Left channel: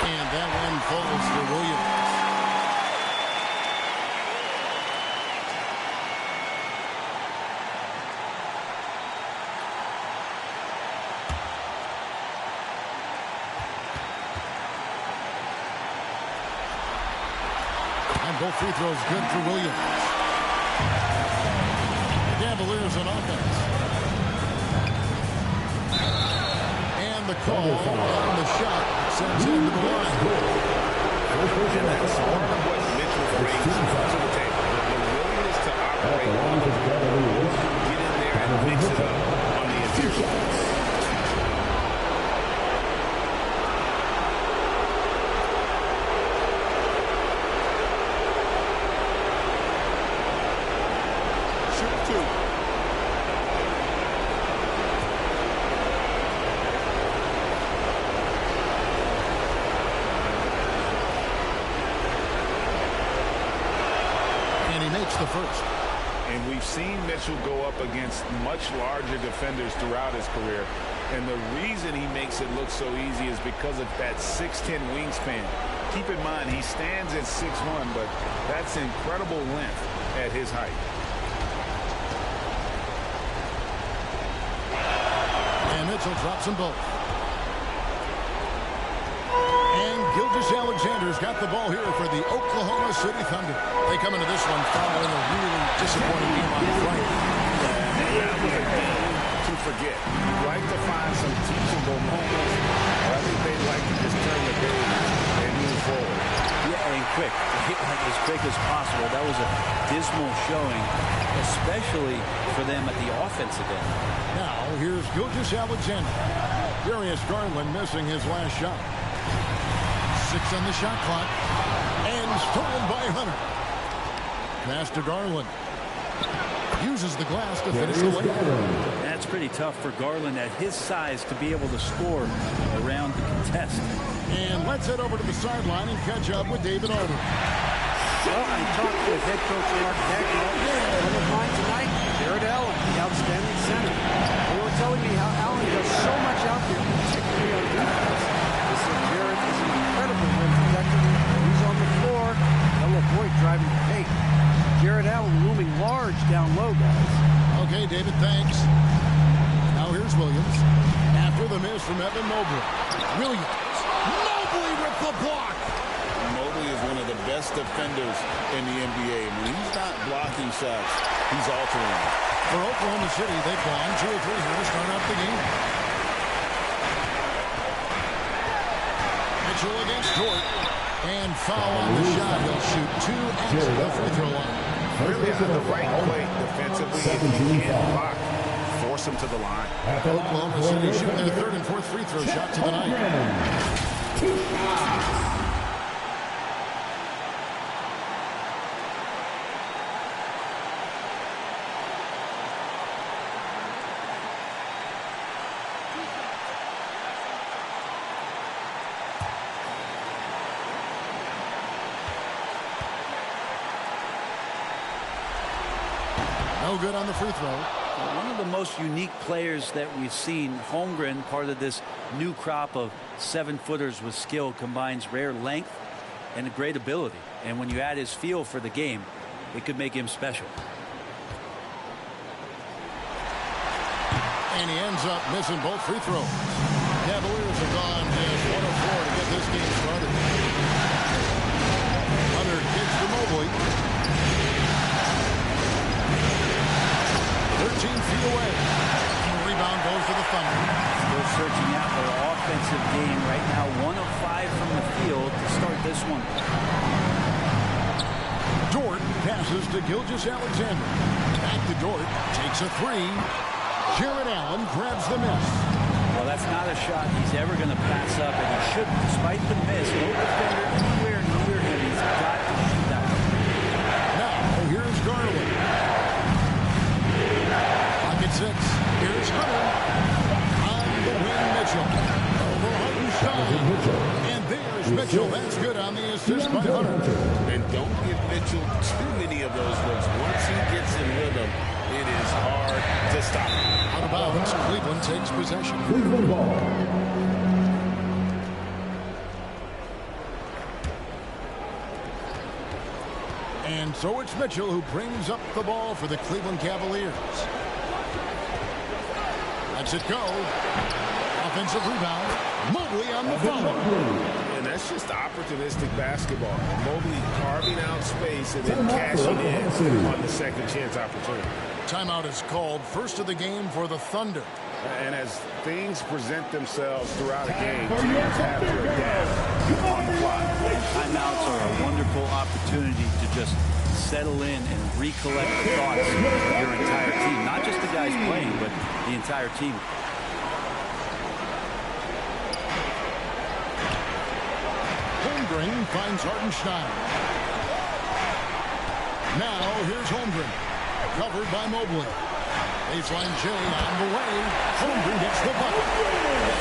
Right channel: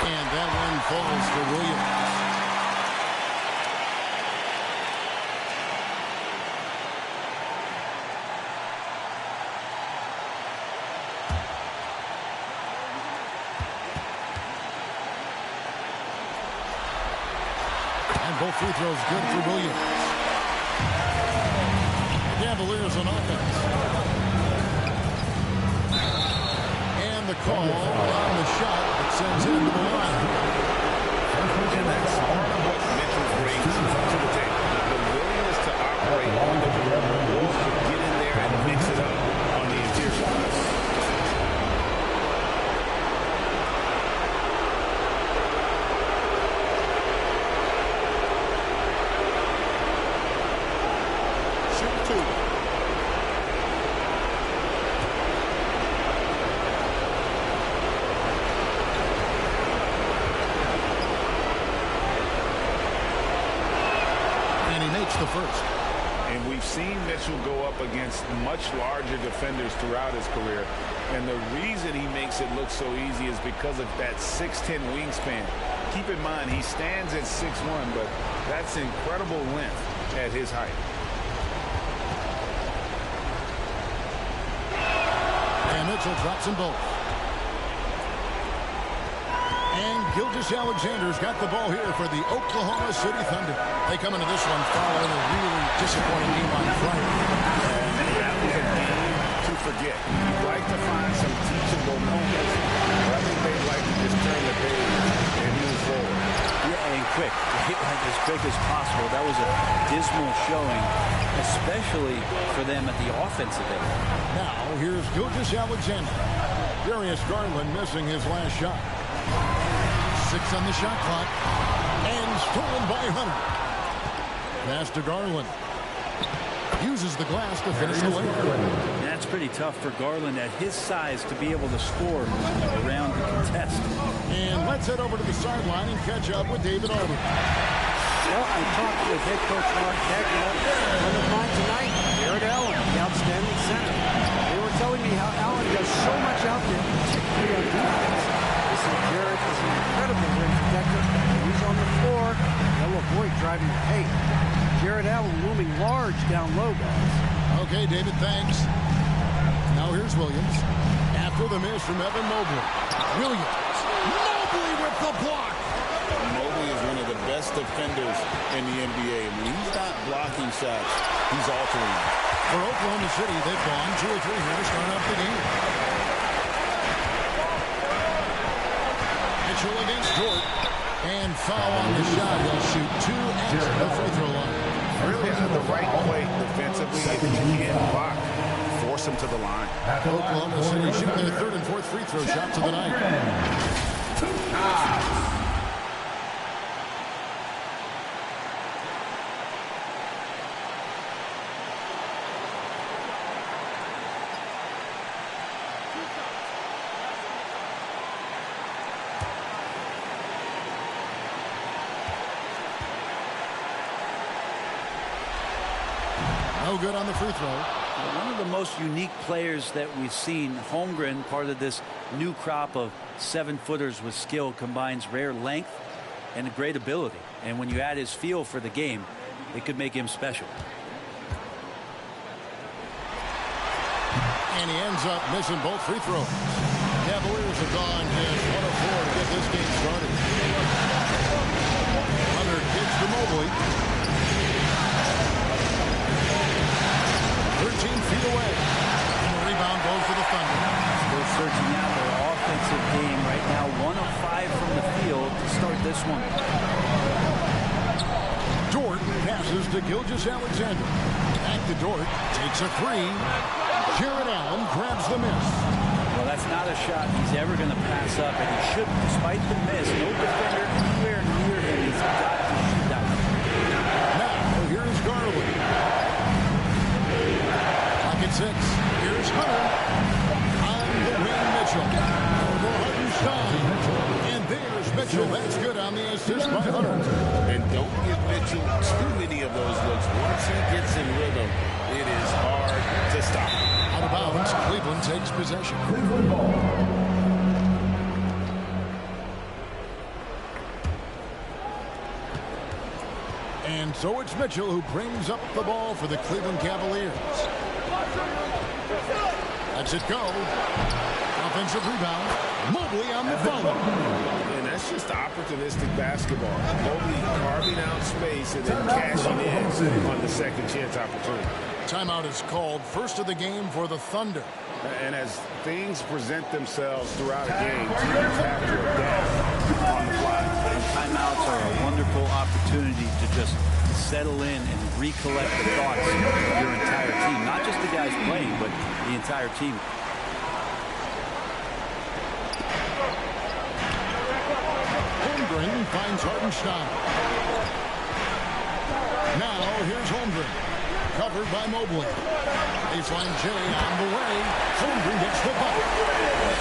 And that one falls for Williams. And both free throws good for Williams. The Cavaliers on offense. And the call on the shot that sends him to the line. And that's part of what Mitchell brings to the table. The willingness to operate on the perimeter, get in there and mix it up on the interior. And he makes the first. And we've seen Mitchell go up against much larger defenders throughout his career. And the reason he makes it look so easy is because of that 6'10" wingspan. Keep in mind, he stands at 6'1", but that's incredible length at his height. And Mitchell drops them both. And Gilgeous-Alexander's got the ball here for the Oklahoma City Thunder. They come into this one following a really disappointing game on Friday. And that was a game to forget. You'd like to find some teachable moments, but I think they'd like to just turn the page and move forward. Yeah, and quick. Like as quick as possible. That was a dismal showing, especially for them at the offensive end. Now, here's Gilgeous-Alexander. Darius Garland missing his last shot. 6 on the shot clock. And stolen by Hunter. Pass to Garland. Uses the glass to finish the layup. That's pretty tough for Garland at his size to be able to score around the contest. And let's head over to the sideline and catch up with David Alder. Well, I talked with head coach Mark Dagnall. One of mine tonight, Jared Allen, the outstanding center. They were telling me how Allen does so much out there, particularly on defense. They said Jared is an incredible rim protector. He's on the floor. They'll avoid driving the paint. Jared Allen looming large down low, guys. Okay, David, thanks. Now here's Williams. After the miss from Evan Mobley. Williams. Mobley with the block. Mobley is one of the best defenders in the NBA. When he's not blocking shots, he's altering them. For Oklahoma City, they've gone 2 or 3 here to start off the game. Mitchell against Dort. And foul on the shot. He'll shoot 2 at the free throw line. Really on the right play defensively. If you can't block, force him to the line. Oklahoma City shooting their 3rd and 4th free throw shots of the night. No good on the free throw. One of the most unique players that we've seen, Holmgren, part of this new crop of 7-footers with skill, combines rare length and a great ability. And when you add his feel for the game, it could make him special. And he ends up missing both free throws. Cavaliers have gone just 1 of 4 to get this game started. Hunter kicks to Mobley. 13 feet away. And the rebound goes to the Thunder. Still searching out their offensive game right now. 1 of 5 from the field to start this one. Dort passes to Gilgeous-Alexander. Back to Dort. Takes a 3. Jared Allen grabs the miss. Well, that's not a shot he's ever going to pass up, and he should, despite the miss. No defender anywhere near him. He's got to shoot that one. Now, here's Garland. Pocket 6. Here's Hunter. On the wing, Mitchell. Over Hartenstein. And there's Mitchell. That's good on the assist by Hunter. And don't give Mitchell too many of those looks. Once he gets in rhythm, it is hard to stop him. Out of bounds, Cleveland takes possession. Cleveland ball. And so it's Mitchell who brings up the ball for the Cleveland Cavaliers. Lets it go. Offensive rebound. Mobley on the follow. And that's just opportunistic basketball. Mobley carving out space and then cashing in on the second chance opportunity. Timeout is called. First of the game for the Thunder. And as things present themselves throughout a game, teams have to adapt on the fly. And timeouts are a wonderful opportunity to just settle in and recollect the thoughts of your entire team. Not just the guys playing, but the entire team. Holmgren finds Hartenstein. Now here's Holmgren. Covered by Mobley. Baseline J on the way. Holmgren gets the bucket.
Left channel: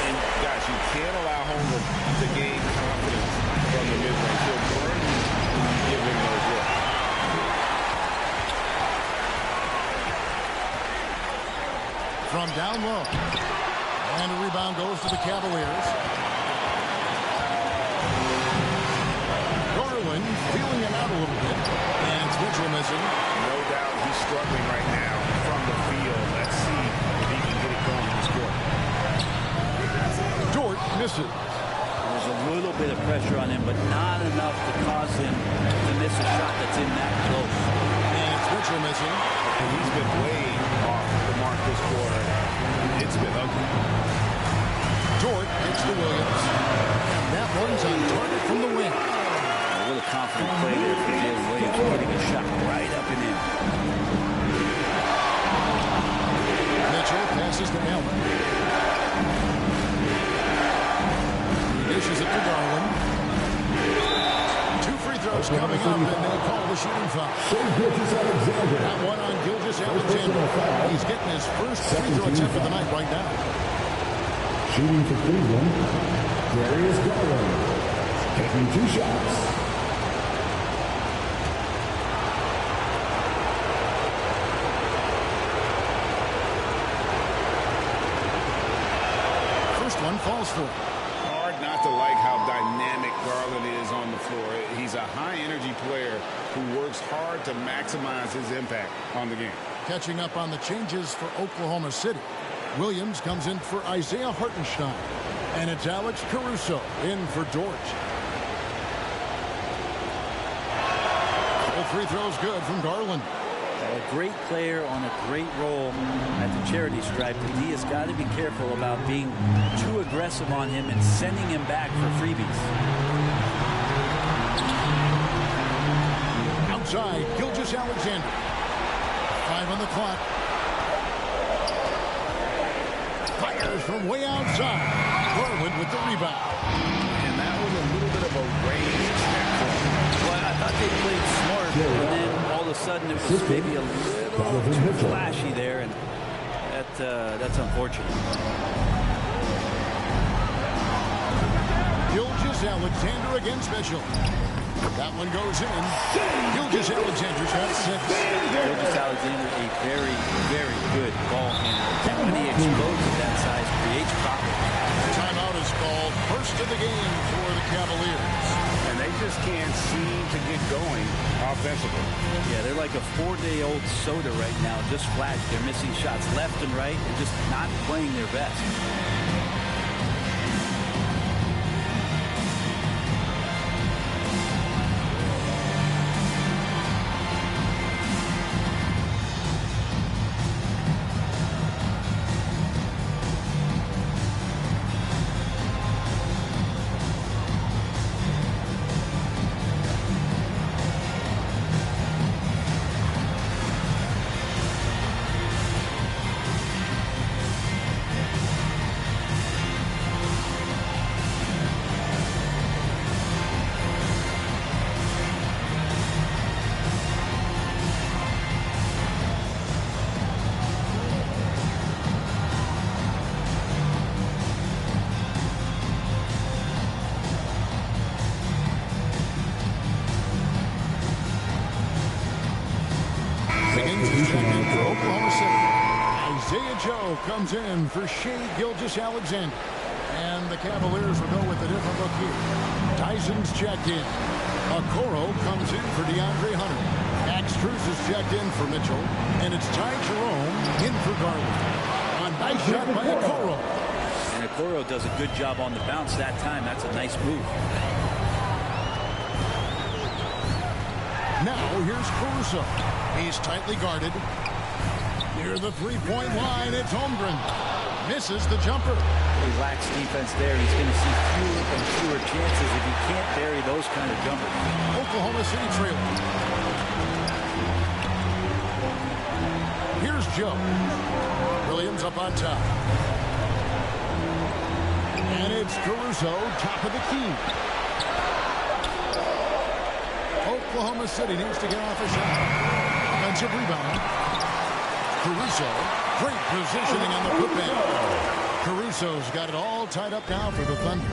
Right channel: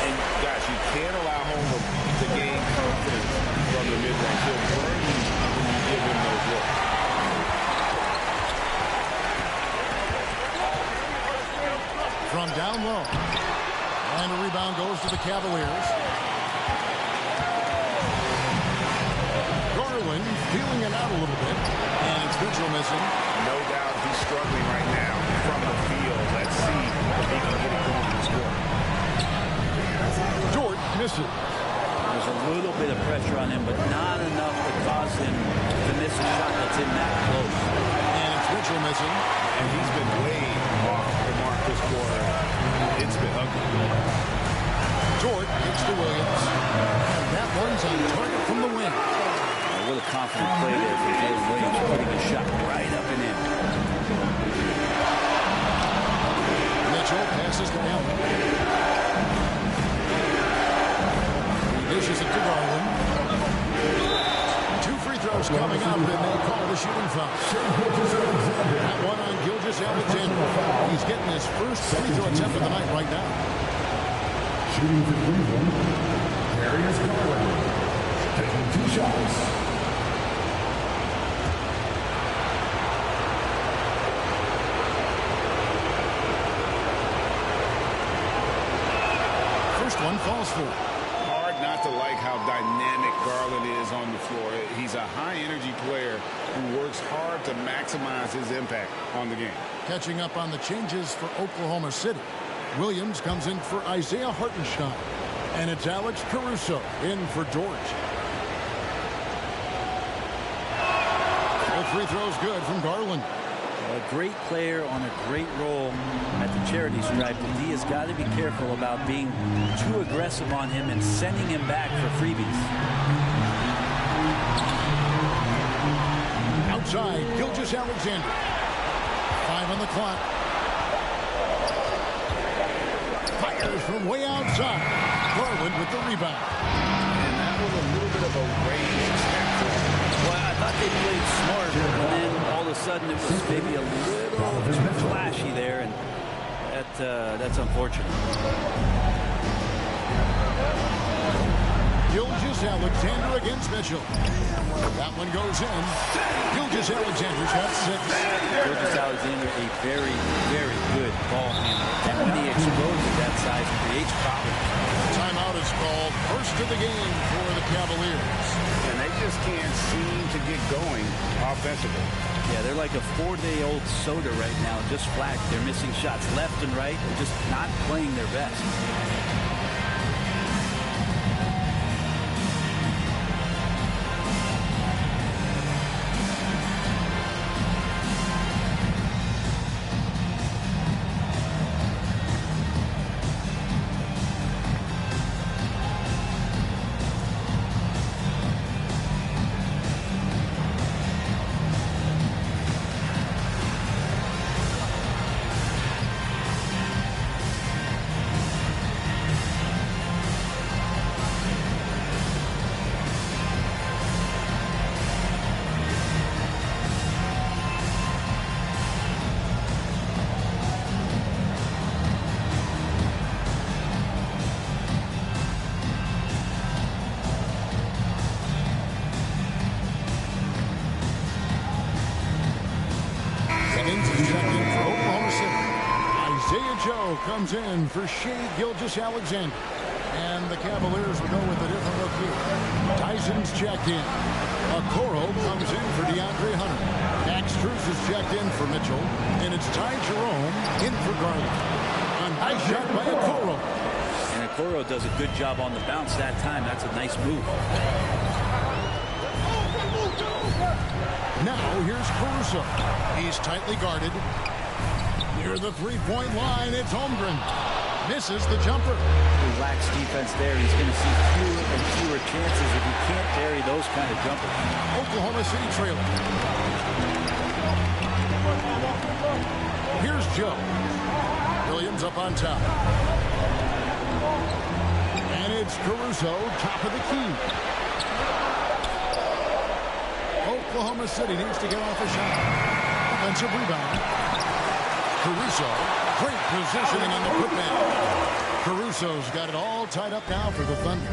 And gosh, you can't allow Holmgren to gain confidence from the mid-range. He'll burn you when you give him those looks. From down low. And a rebound goes to the Cavaliers. Garland feeling it out a little bit. And it's Mitchell missing. No doubt he's struggling right now from the field. Let's see if he can get it going in this quarter. Dort misses. There's a little bit of pressure on him, but not enough to cause him to miss a shot that's in that close. And it's Mitchell missing. And he's been way off the mark this quarter. It's been ugly. Dort gets to Williams. And that one's on target from the wing. What a confident play there from Jalen Williams, putting his shot right up and in. Mitchell passes to Allen. He dishes it to Garland. 2 free throws coming up, and they call the shooting foul. That one on Gilgeous-Alexander. He's getting his first free throw attempt of the night right now. Shooting for Cleveland, Darius Garland. Taking 2 shots. First one falls for him. Hard not to like how dynamic Garland is on the floor. He's a high-energy player who works hard to maximize his impact on the game. Catching up on the changes for Oklahoma City. Williams comes in for Isaiah Hartenstein. And it's Alex Caruso in for Dort. All free throws good from Garland. A great player on a great role at the charity stripe. The D has got to be careful about being too aggressive on him and sending him back for freebies. Outside, Gilgeous-Alexander. 5 on the clock. Fires from way outside. Garland with the rebound. And that was a little bit of a range check for him. Well, I thought they played smart, and then all of a sudden it was maybe a little too flashy there, and that's unfortunate. Gilgeous-Alexander against Mitchell. That one goes in. Gilgeous-Alexander's got 6. Gilgeous-Alexander, a very, very good ball handler, and when he explodes at that size, creates problems. Timeout is called. First of the game for the Cavaliers. And they just can't seem to get going offensively. Yeah, they're like a 4-day-old soda right now, just flat. They're missing shots left and right and just not playing their best. Higgins is checked in for Oklahoma City. Isaiah Joe comes in for Shai Gilgeous-Alexander. And the Cavaliers will go with a different look here. Tyson's checked in. Okoro comes in for DeAndre Hunter. Max Strus is checked in for Mitchell. And it's Ty Jerome in for Garland. A nice shot by Okoro. And Okoro does a good job on the bounce that time. That's a nice move. Now here's Caruso. He's tightly guarded. Near the three-point line, it's Holmgren. Misses the jumper. He lacks defense there. He's going to see fewer and fewer chances if he can't bury those kind of jumpers. Oklahoma City trailing. Here's Joe. Williams up on top. And it's Caruso, top of the key. Oklahoma City needs to get off a shot. Offensive rebound. Caruso, great positioning on the putback. Caruso's got it all tied up now for the Thunder.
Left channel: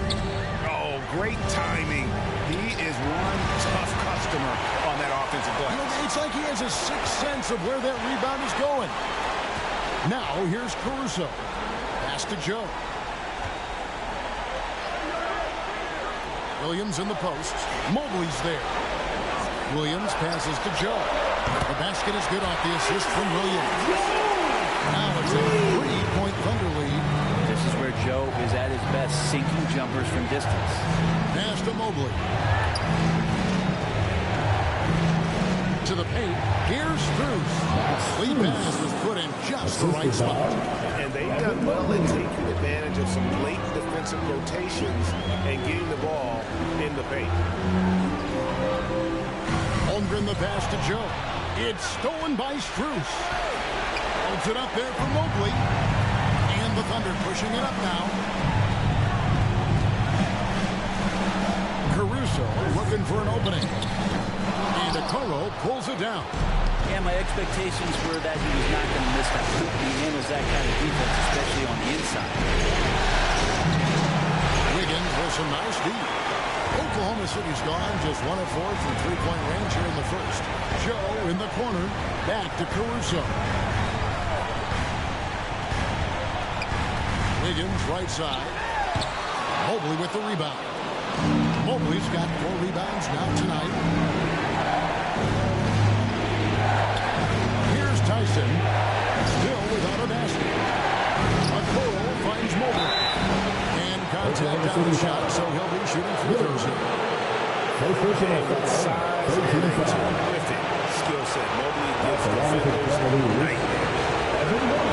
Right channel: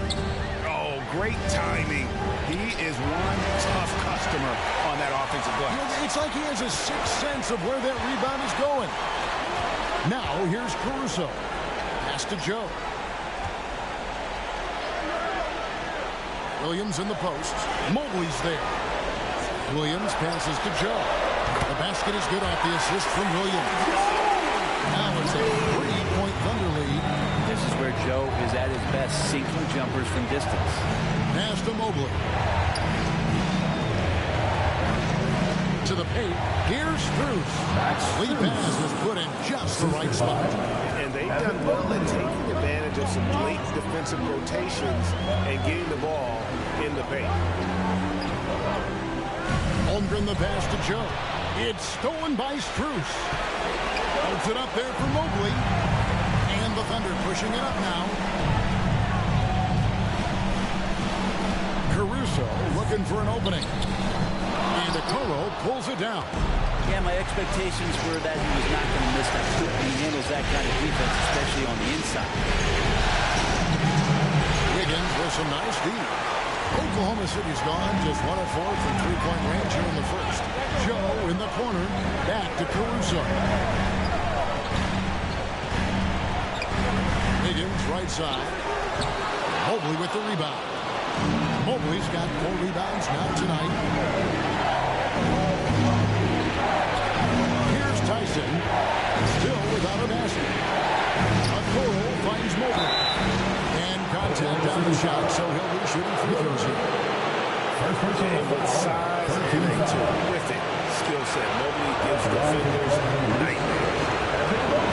Oh, great timing. He is one tough customer on that offensive glass. You know, it's like he has a sixth sense of where that rebound is going. Now here's Caruso. Pass to Joe. Williams in the post. Mobley's there. Williams passes to Joe. The basket is good off the assist from Williams. Now it's a 3-point Thunder lead. This is where Joe is at his best, sinking jumpers from distance. Pass to Mobley. To the paint. Here's Strus. Lead pass was put in just the right spot. And they've done well in taking advantage of some late defensive rotations and getting the ball in the paint. Holmgren the pass to Joe. It's stolen by Strus. Holds it up there for Mobley. And the Thunder pushing it up now. Caruso looking for an opening. And Okoro pulls it down. Yeah, my expectations were that he was not going to miss that. He handles that kind of defense, especially on the inside. Wiggins with some nice D. Oklahoma City's gone just 1 of 4 from three-point range here in the first. Joe in the corner. Back to Caruso. Wiggins right side. Mobley with the rebound. Mobley's got 4 rebounds now tonight. Here's Tyson. Still without a basket. Okoro finds Mobley. And contact on the shot, so he'll be shooting free throws here. With size and a terrific skill set, Mobley gives defenders nightmares.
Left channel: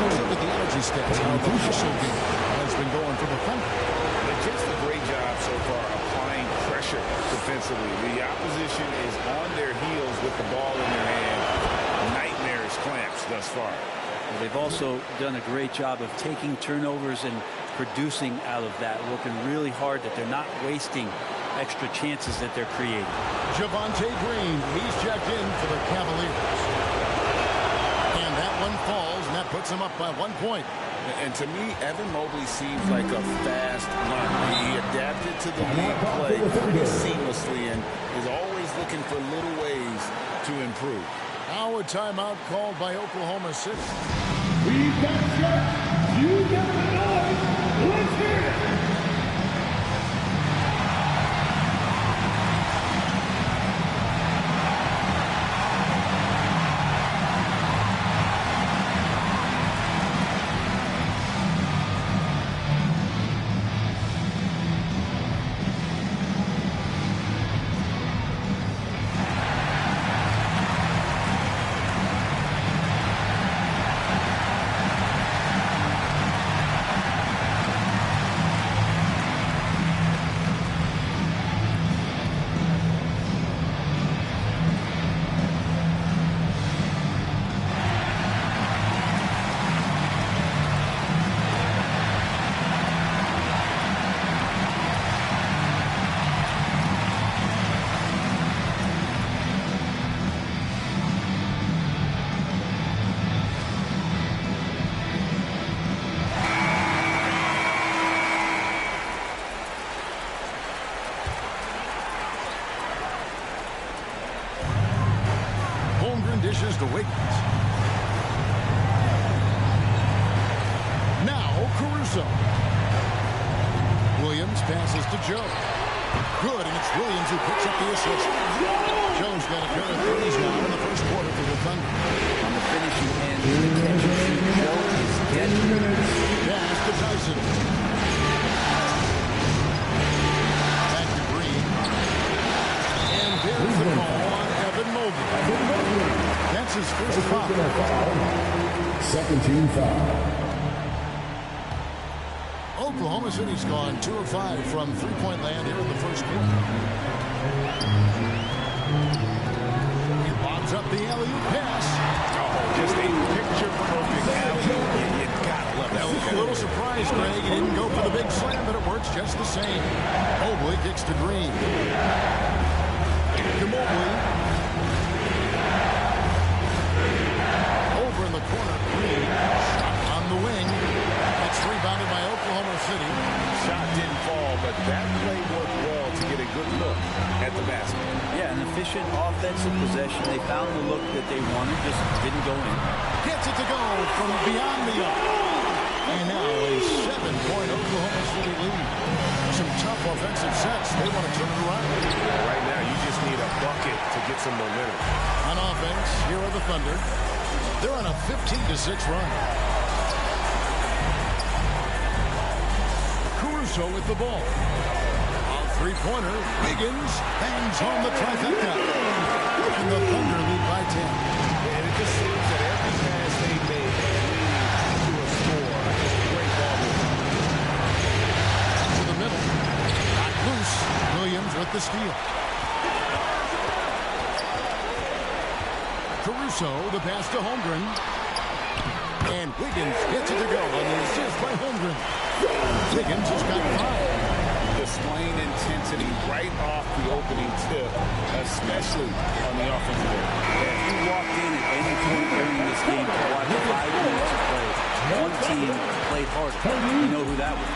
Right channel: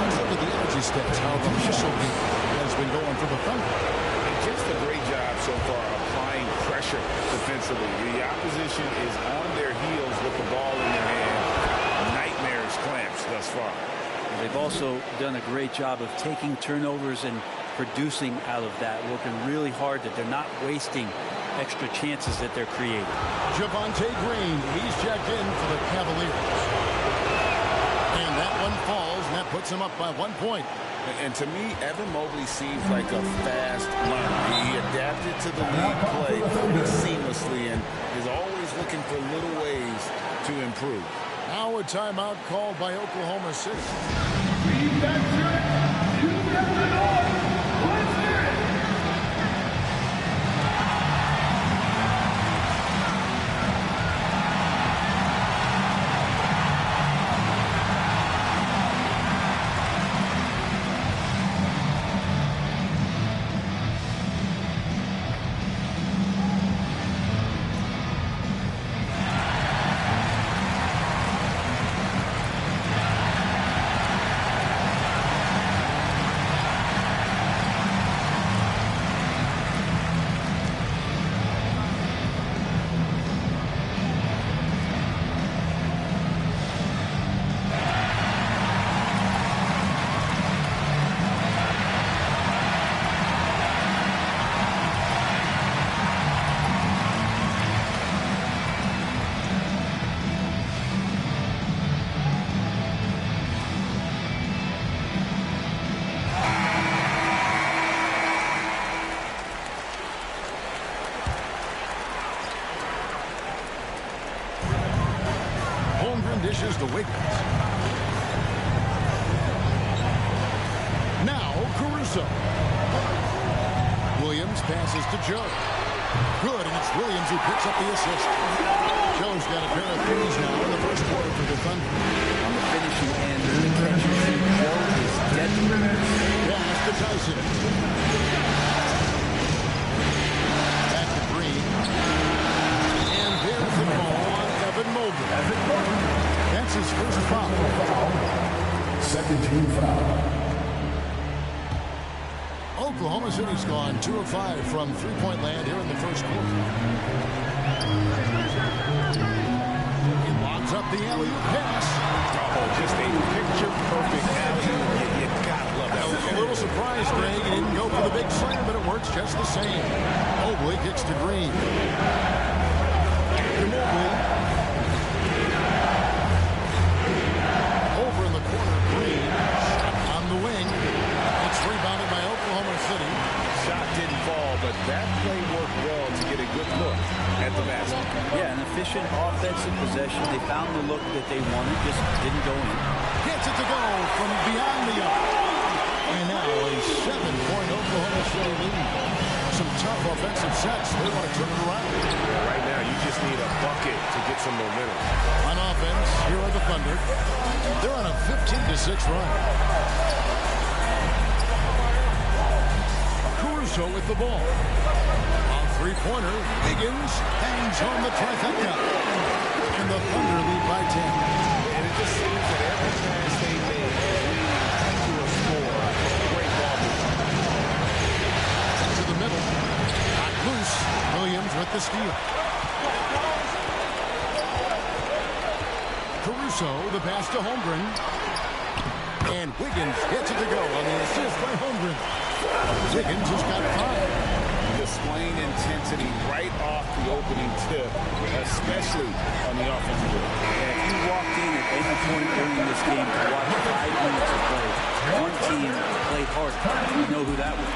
Let's look at the energy stats, how the hustle game has been going for the Thunder. And just a great job so far applying pressure defensively. The opposition is on their heels with the ball in their hand. Nightmares clamps thus far. Well, they've also done a great job of taking turnovers and producing out of that, working really hard that they're not wasting extra chances that they're creating. Javonte Green, he's checked in for the Cavaliers. And that one falls, and that puts him up by 1 point. And to me, Evan Mobley seems like a fast learner. He adapted to the league play pretty seamlessly and is always looking for little ways to improve. Now a timeout called by Oklahoma City. We've got church. You got the noise. Let's hear it. Dishes to Wiggins. Now Caruso. Williams passes to Joe. Good, and it's Williams who picks up the assist. Joe's got a pair of threes now in the first quarter for the Thunder. On the finishing end, the catch and shoot, Joe is dead. Pass to Tyson. Back to Green. And there's the call on Evan Mobley. That's his first foul. Second team foul. Oklahoma City's gone 2 of 5 from three-point land here in the first quarter. He lobs up the alley-oop pass. Oh, just a picture-perfect alley-oop. You gotta love that. I was a little surprised, Greg. He didn't go for the big slam, but it works just the same. Mobley kicks to Green. To Mobley. Over in the corner, Green. Shot on the wing. It's rebounded by Oklahoma City. Shot didn't fall, but that play worked well to get a good look at the basket. Yeah, an efficient offensive possession. They found the look that they wanted, just didn't go in. Gets it to go from beyond the arc. And now a 7-point Oklahoma City lead. Some tough offensive sets. They want to turn it around. Yeah, right now, you just need a bucket to get some momentum. On offense, here are the Thunder. They're on a 15-6 run. Caruso with the ball. A three-pointer. Wiggins bangs home the trifecta. And the Thunder lead by 10. And it just seems that every pass they make leads to a score. Just great ball movement. To the middle. Got loose. Williams with the steal. Caruso, the pass to Holmgren. And Wiggins gets it to go on the assist by Holmgren. Wiggins has got 5. Displaying intensity right off the opening tip, especially on the offensive end. If you walked in at any point during this game to watch 5 minutes of play, one team played harder. You know who that was.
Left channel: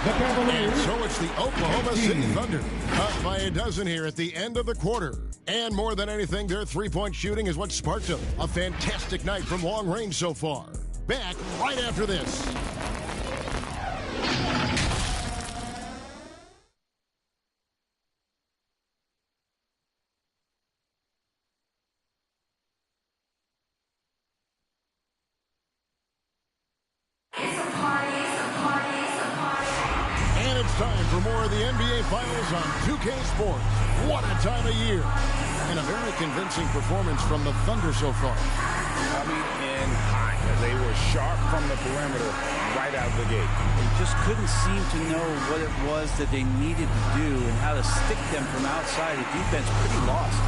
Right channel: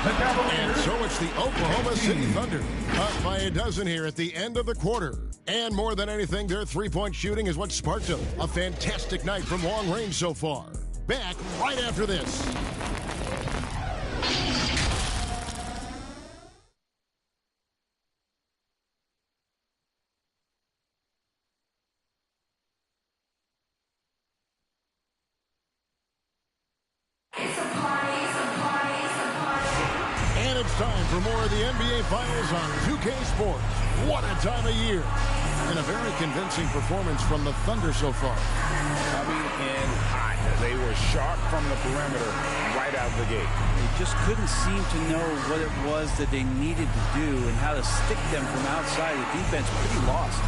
And so it's the Oklahoma City Thunder, up by a dozen here at the end of the quarter. And more than anything, their three-point shooting is what sparked them. A fantastic night from long range so far. Back right after this. And it's time for more of the NBA Finals on 2K Sports. What a time of year. And a very convincing performance from the Thunder so far. Coming in hot. They were sharp from the perimeter right out of the gate. They just couldn't seem to know what it was that they needed to do and how to stick them from outside. The defense pretty lost.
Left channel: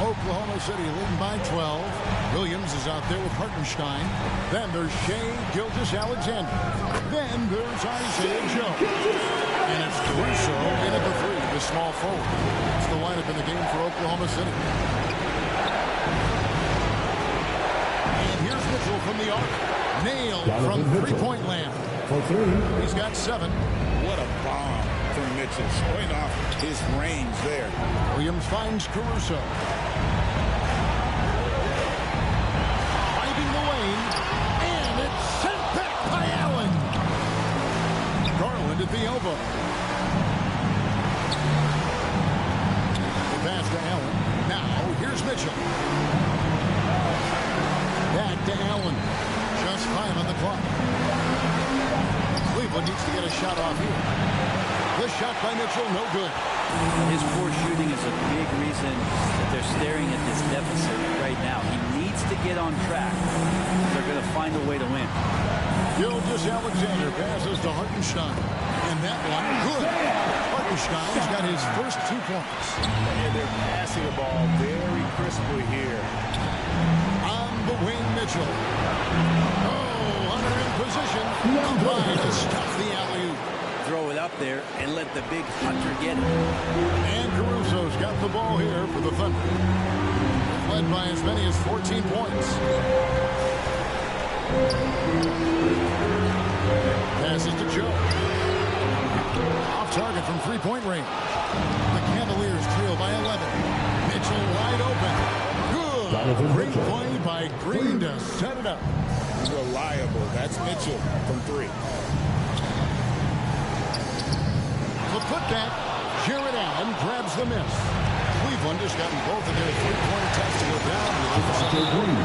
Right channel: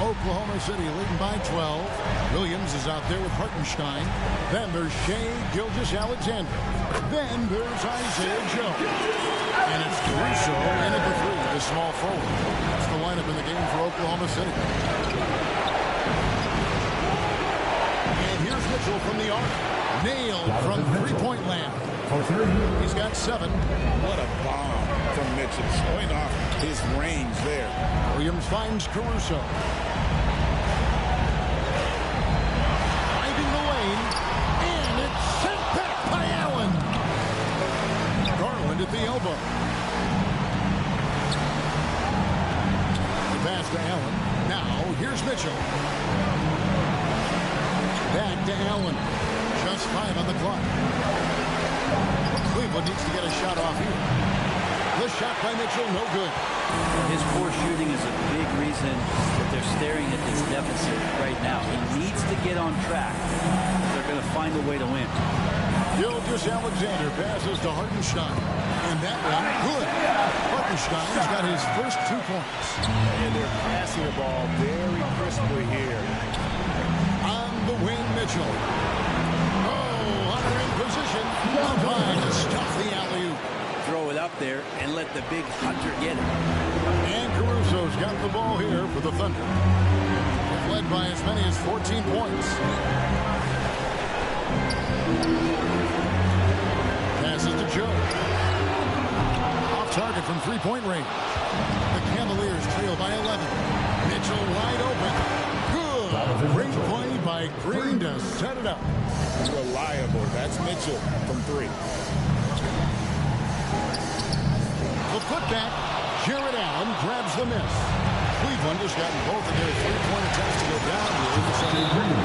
Oklahoma City leading by 12. Williams is out there with Hartenstein. Then there's Shea Gilgeous-Alexander. Then there's Isaiah Joe. And it's Caruso in at the 3, the small forward. That's the lineup in the game for Oklahoma City. And here's Mitchell from the arc. Nailed from three-point land. For 3. He's got 7. What a bomb from Mitchell, showing off his range there. Williams finds Caruso. Finding the lane. And it's sent back by Allen. Garland at the elbow. The pass to Allen. Now, here's Mitchell. Back to Allen. Just 5 on the clock. Cleveland needs to get a shot off here. The shot by Mitchell, no good. His poor shooting is a big reason that they're staring at this deficit right now. He needs to get on track. They're going to find a way to win. Gilgeous-Alexander passes to Hartenstein. And that one, good. Hartenstein's got his first 2 points. And they're passing the ball very crisply here. On the wing, Mitchell. Oh, Hunter in position. Up high to stuff the alley-oop. Throw it up there and let the big Hunter get it. And Caruso's got the ball here for the Thunder. They've led by as many as 14 points. Passes to Joe. Off target from three-point range. The Cavaliers trail by 11. Mitchell wide open. Good. Great play by Green to set it up. Reliable. That's Mitchell from 3. The putback. Jared Allen grabs the miss. Cleveland has gotten both of their three-point attempts to go down here in the second quarter.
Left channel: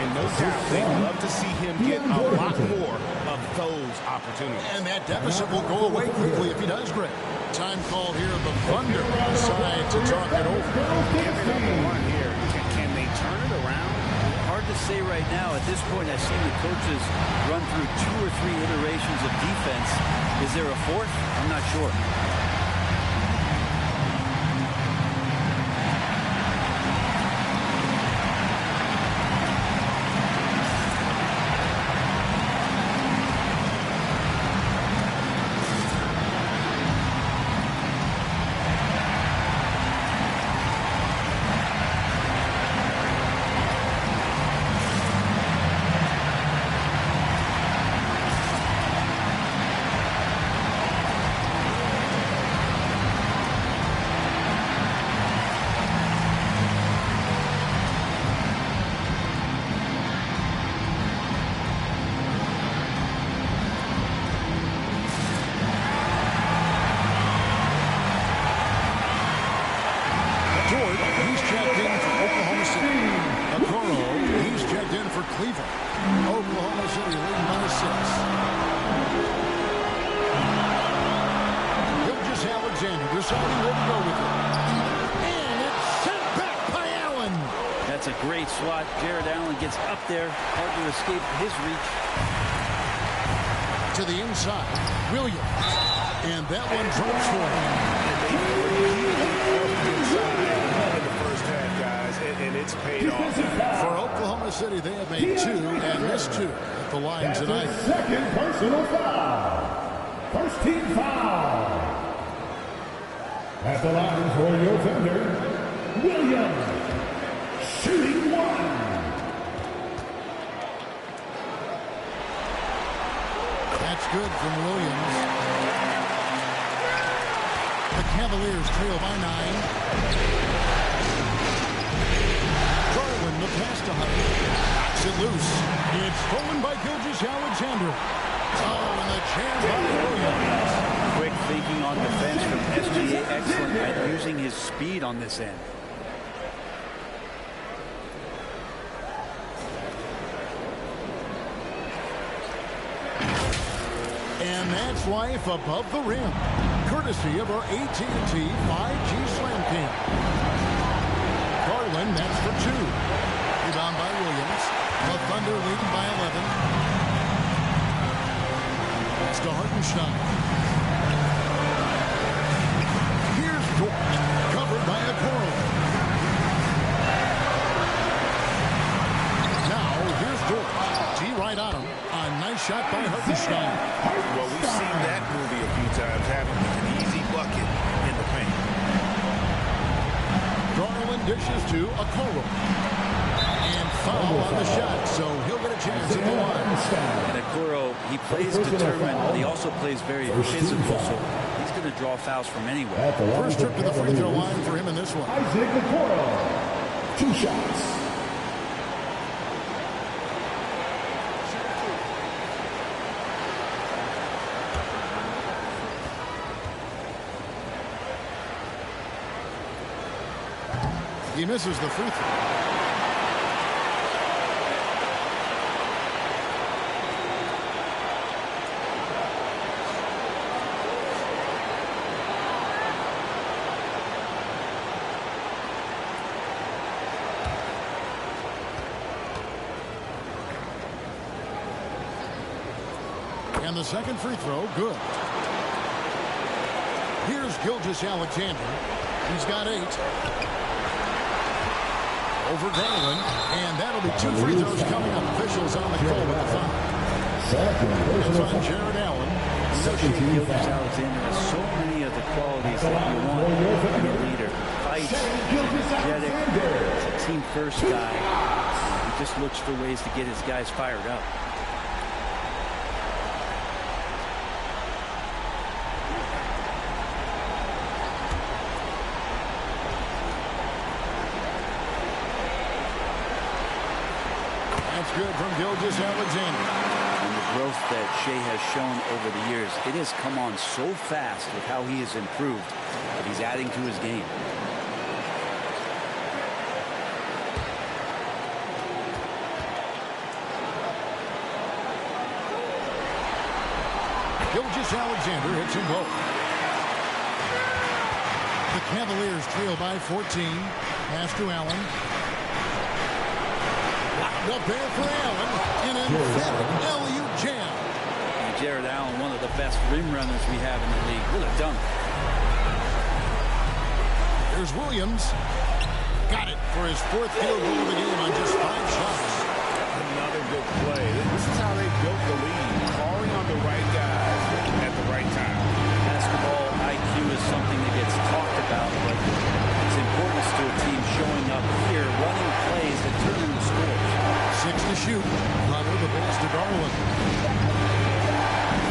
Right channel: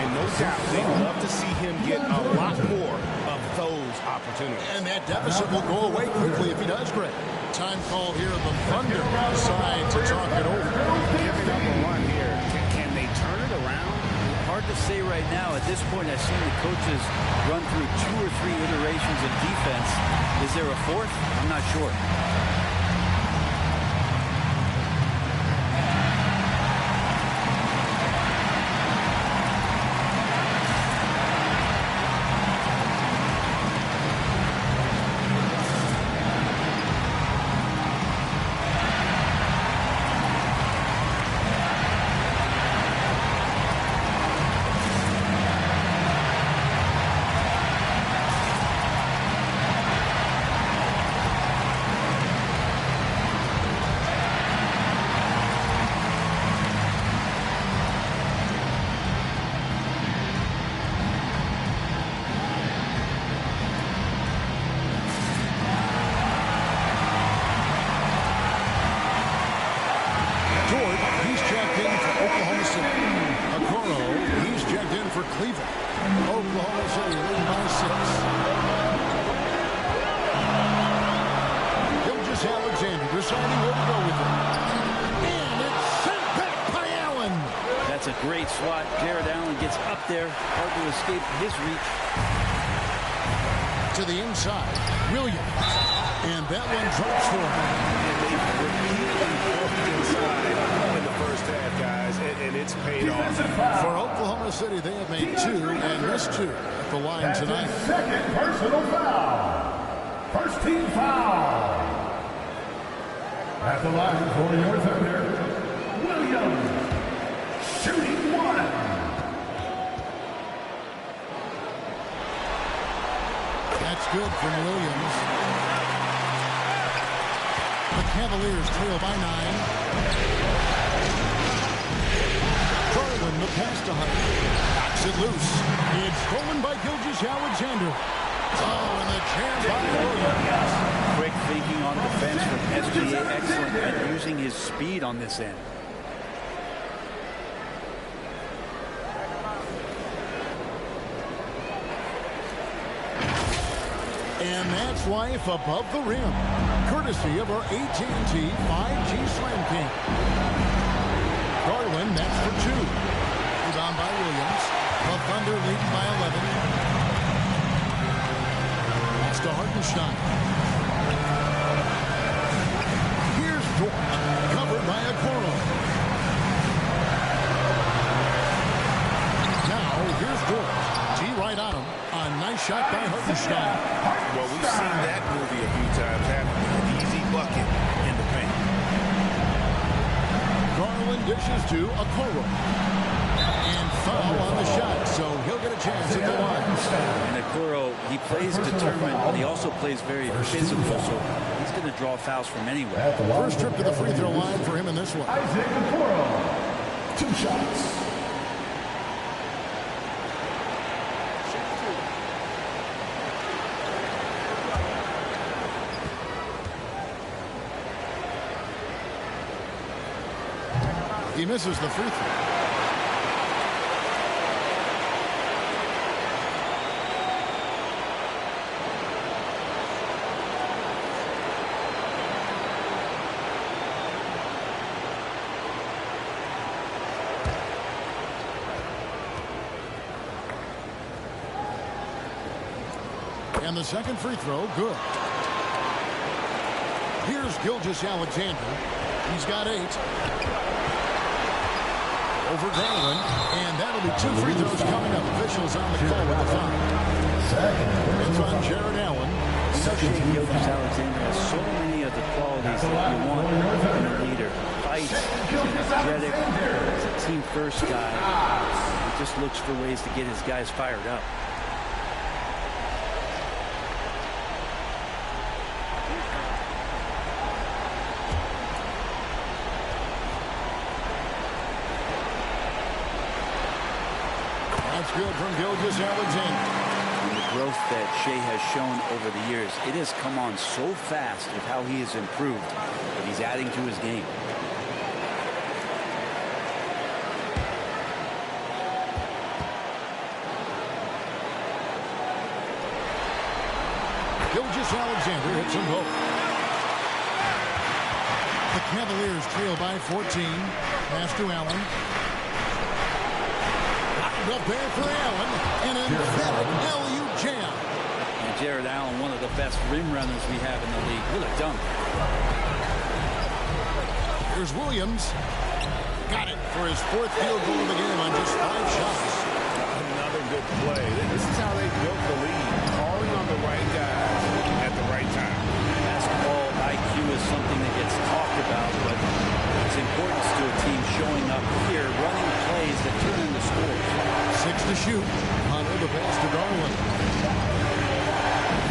And no doubt, they'd love to see him get a lot more of those opportunities. And that deficit will go away quickly if he does, Greg. Time called here. The Thunder decide to talk it over. Giving up a run here. Can they turn it around? Hard to say right now. At this point, I've seen the coaches run through 2 or 3 iterations of defense. Is there a fourth? I'm not sure. Dort, he's checked in for Oklahoma City. Okoro, he's checked in for Cleveland. Oklahoma City leading by 6. Gilgeous-Alexander deciding where to go with it. And it's sent back by Allen. That's a great swat. Jared Allen gets up there. Hard to escape his reach. To the inside, Williams. And that one drops for him. And they've repeatedly worked inside in the first half, guys, and it's paid off. For Oklahoma City, they have made 2 and missed 2 at the line tonight. Second personal foul. First team foul. At the line for your Thunder, Williams. Shooting 1. That's good from Williams. The Cavaliers trail by 9. Garland, the pass to Hunter. Knocks it loose. It's stolen by Gilgeous-Alexander. Oh, and the jam by Williams. Quick thinking on defense from SGA. Excellent at using his speed on this end. And that's life above the rim. Courtesy of our AT&T 5G Slam King. Garland, that's for 2. Rebound by Williams. The Thunder leading by 11. Pass to Hartenstein. Here's Dort. Covered by Okoro. Now, here's Dort. T right on him. A nice shot by Hartenstein. Well, we've seen that movie a few times, haven't we? An easy bucket in the paint. Garland dishes to Okoro. And foul on the shot, so he'll get a chance at the line. And Okoro, he plays determined, but he also plays very physical, so he's going to draw fouls from anywhere. First trip to the free throw line for him in this one. Isaac Okoro. 2 shots. He misses the free throw. And the second free throw, good. Here's Gilgeous-Alexander. He's got 8. Over Garland, and that'll be 2 free throws coming up. Officials on the call with the foul. It's on Jared Allen. You know, Shane Gilgeous-Alexander has so many of the qualities that you want in a leader. Fights, he's energetic, he's a team-first guy. He just looks for ways to get his guys fired up. That's good from Gilgeous-Alexander. And the growth that Shea has shown over the years, it has come on so fast with how he has improved, but he's adding to his game. Gilgeous-Alexander hits them both. The Cavaliers trail by 14. Pass to Allen. Lined up there for Allen. An emphatic alley-oop jam. And Jared Allen, one of the best rim runners we have in the league. What a dunk. Here's Williams. Got it for his 4th field goal of the game on just 5 shots. Another good play. This is how they built the lead, calling on the right guys at the right time. Basketball IQ is something that gets talked about, but its importance to a team showing up here, running plays that turn into scores. 6 to shoot. Hunter the pass to Garland.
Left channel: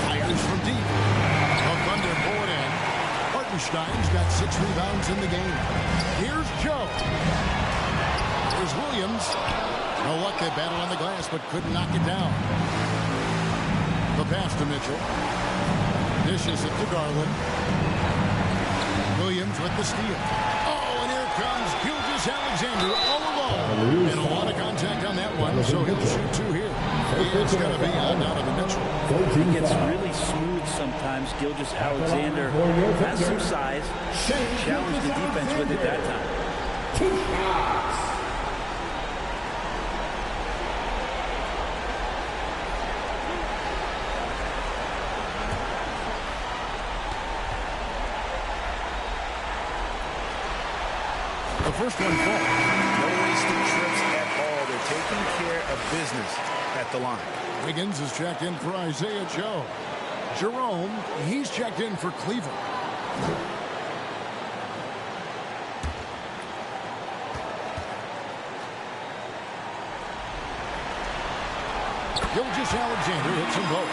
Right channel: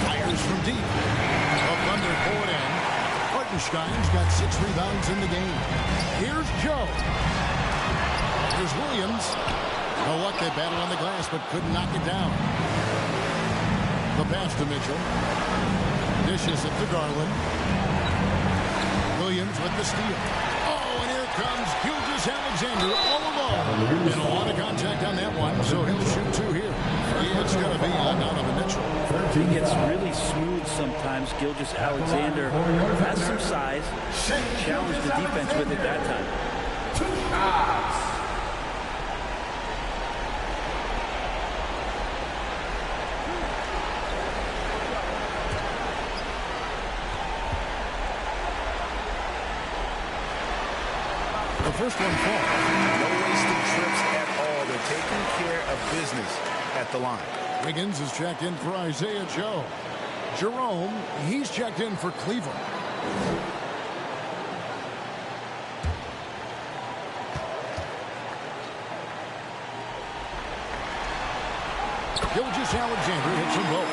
Fires from deep. The Thunder pull it in. Hartenstein's got 6 rebounds in the game. Here's Joe. Here's Williams. No luck, they battled on the glass, but couldn't knock it down. The pass to Mitchell. Dishes it to Garland. Williams with the steal. Oh, and here comes Gilgeous-Alexander all alone. And a lot of contact on that one, so he'll shoot 2 here. It's going to be on Donovan Mitchell. He gets really smooth sometimes. Gilgeous-Alexander has some size. Challenged the defense with it that time. 2 shots. The first one falls. No wasted trips at all. They're taking care of business at the line. Wiggins is checked in for Isaiah Joe. Jerome, he's checked in for Cleveland. Gilgeous-Alexander hits them both.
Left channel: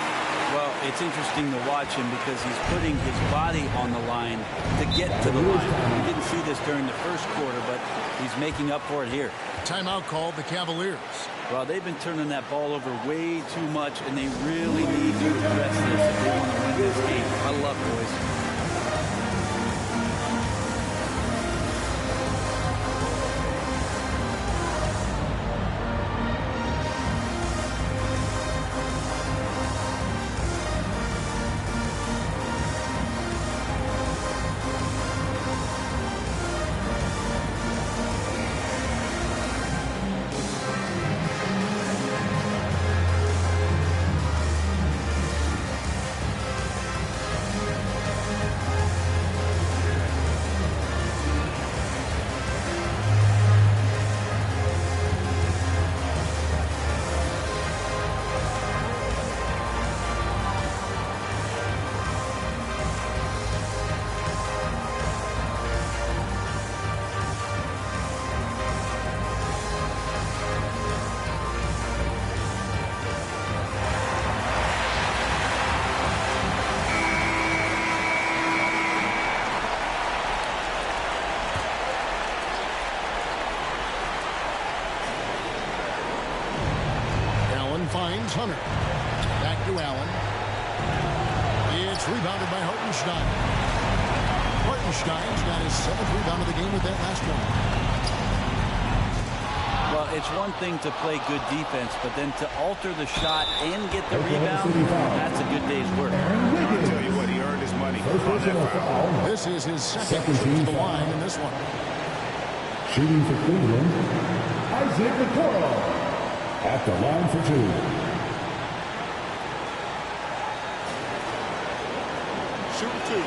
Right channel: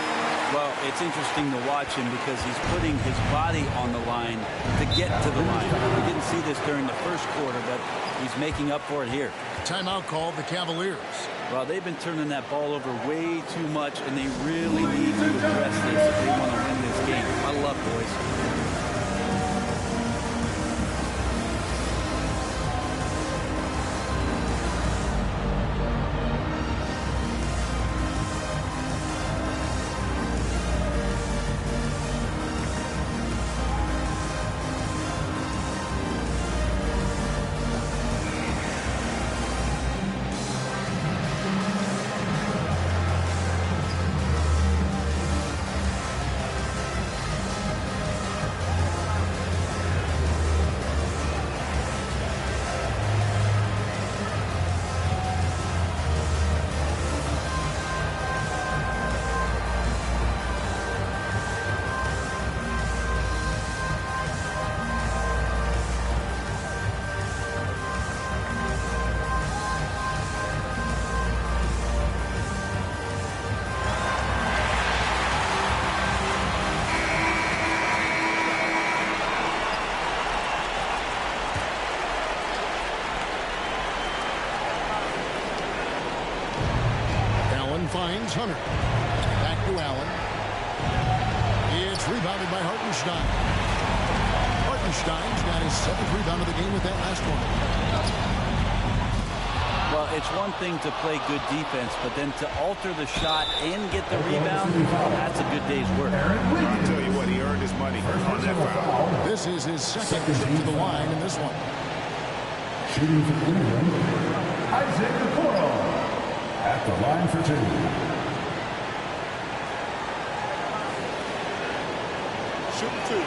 Well, it's interesting to watch him because he's putting his body on the line to get to the line. We didn't see this during the first quarter, but he's making up for it here. Timeout called the Cavaliers. Well, they've been turning that ball over way too much, and they really need to address this if they want to win this game. Huddle up, boys. Finds Hunter. Back to Allen. It's rebounded by Hartenstein. Hartenstein's got his 7th rebound of the game with that last one. Well, it's one thing to play good defense, but then to alter the shot and get the rebound, that's a good day's work. I'll tell you what, he earned his money on that foul. This is his 2nd trip to the line in this one. Shooting for Cleveland, Isaac Okoro. At the line for 2. Shooting 2.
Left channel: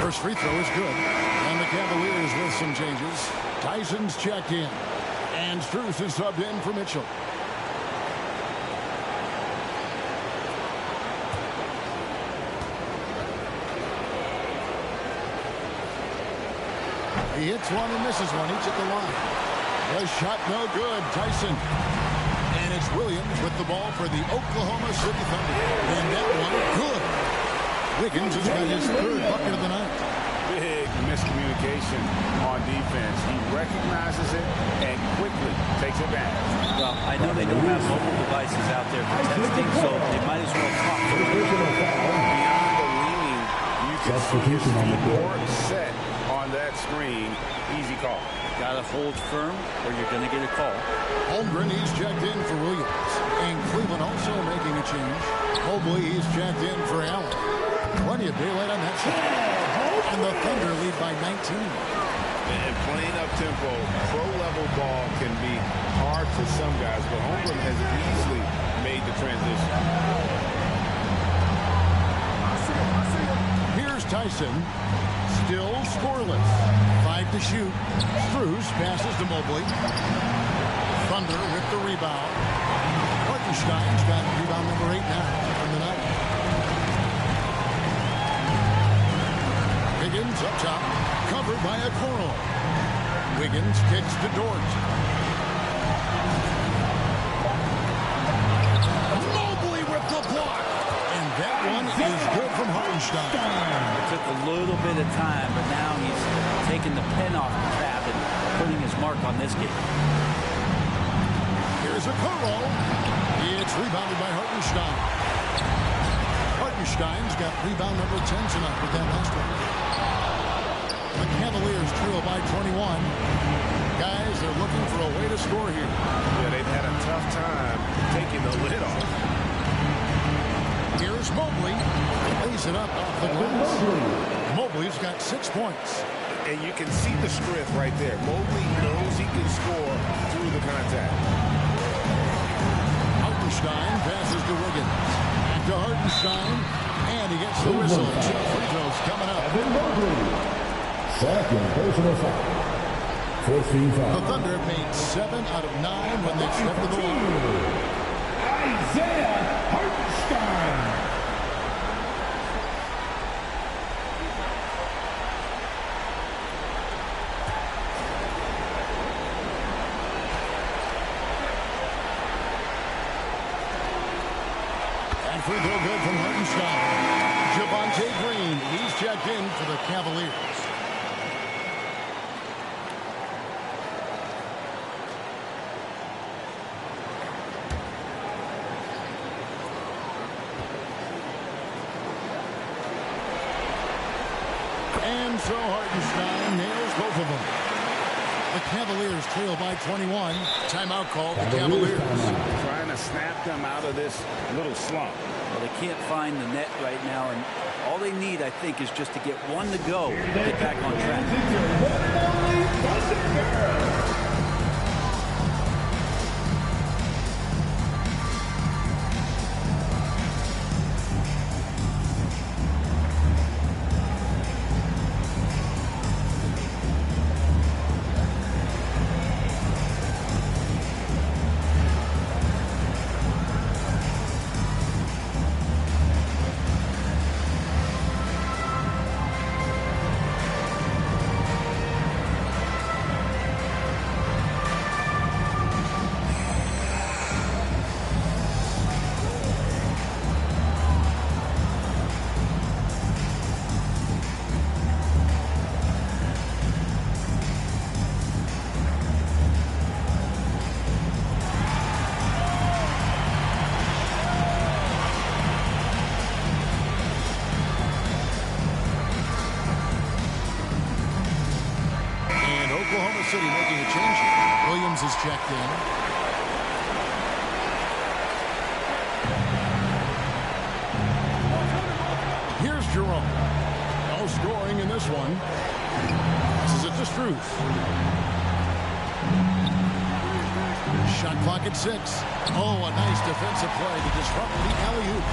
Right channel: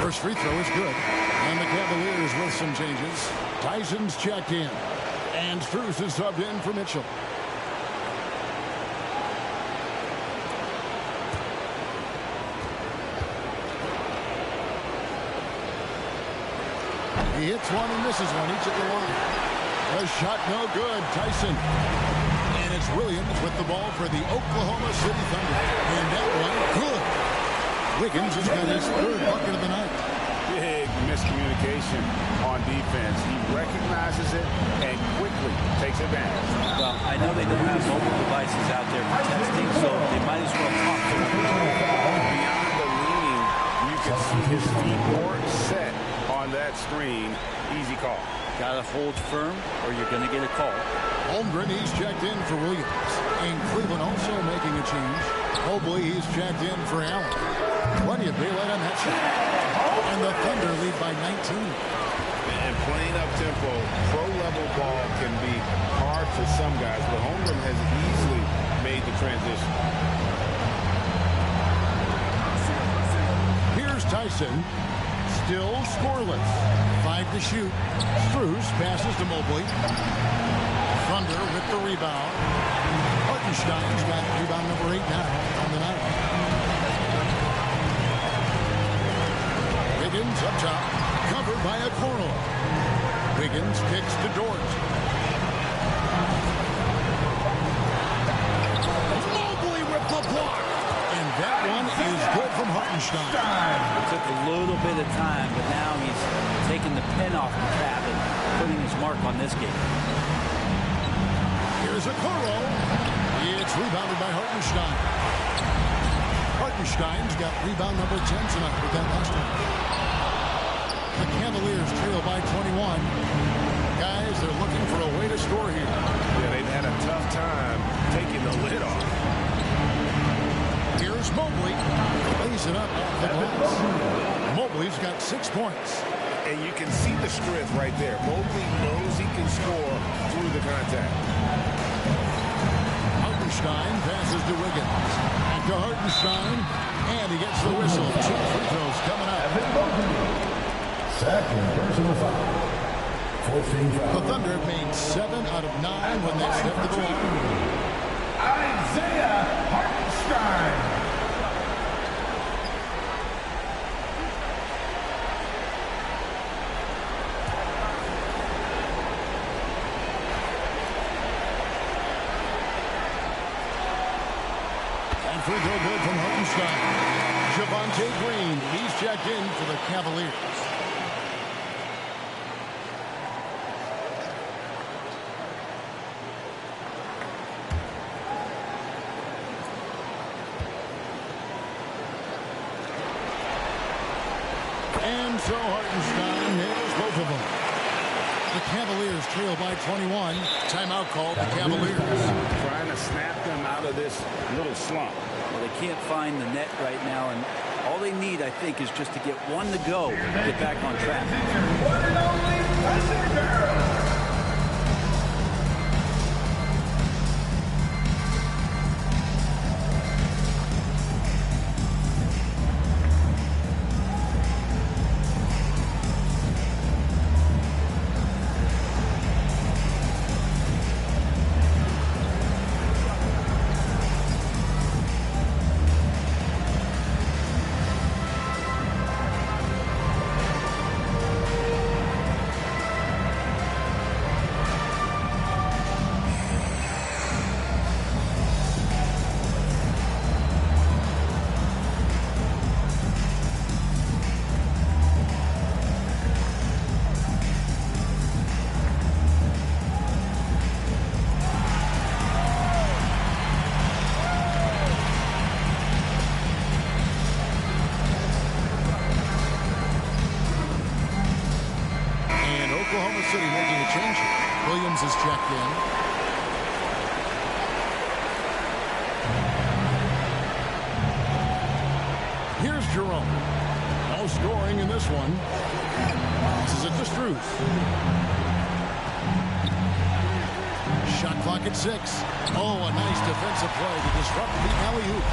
First free throw is good. And the Cavaliers with some changes. Tyson's checked in. And Strus is subbed in for Mitchell. He hits one and misses one, each at the line. The shot no good. Tyson. And it's Williams with the ball for the Oklahoma City Thunder. And that one good. Wiggins has got his 3rd bucket of the night. big miscommunication on defense. He recognizes it and quickly takes advantage. Well, I know they don't have mobile devices out there for texting, so they might as well talk to one another. Beyond the leaning, you can see his feet more set on that screen. Easy call. Got to hold firm or you're going to get a call. Holmgren, he's checked in for Williams. And Cleveland also making a change. Mobley, he's checked in for Allen. Plenty of daylight on that shot. And the Thunder lead by 19. And playing up-tempo, pro-level ball can be hard for some guys, but Holmgren has easily made the transition. Here's Tyson. Still scoreless. 5 to shoot. Strus passes to Mobley. Thunder with the rebound. Hartenstein's got rebound number 8 now on the night. Wiggins up top. Covered by a Okoro. Wiggins kicks to Dort. Mobley with the block. And that one is good from Hartenstein. It took a little bit of time, but now he's taking the pen off the cap and putting his mark on this game. Here's Okoro. It's rebounded by Hartenstein. Hartenstein's got rebound number 10 tonight with that last one. The Cavaliers trail by 21. Guys, they're looking for a way to score here. Yeah, they've had a tough time taking the lid off. Here's Mobley. Lays it up off the glass. Mobley's got 6 points. And you can see the strength right there. Mobley knows he can score through the contact. Hartenstein passes to Wiggins. Back to Hartenstein. And he gets the whistle. 2 free throws coming up. Second personal foul. 14 foul. The Thunder have made 7 out of 9 when they've stepped to the line. Isaiah Hartenstein. And free throw good from Hartenstein. Javonte Green, he's checked in for the Cavaliers. And so Hartenstein nails both of them. The Cavaliers trail by 21. Timeout called the Cavaliers. Trying to snap them out of this little slump. Well, they can't find the net right now, and all they need, I think, is just to get one to go to get back on track. It's your one and only Thunder Girl. Oklahoma City making a change here. Williams is checked in. Here's Jerome. No scoring in this one. This is it to Strus. Shot clock at 6. Oh, a nice defensive play to disrupt the alley-oop.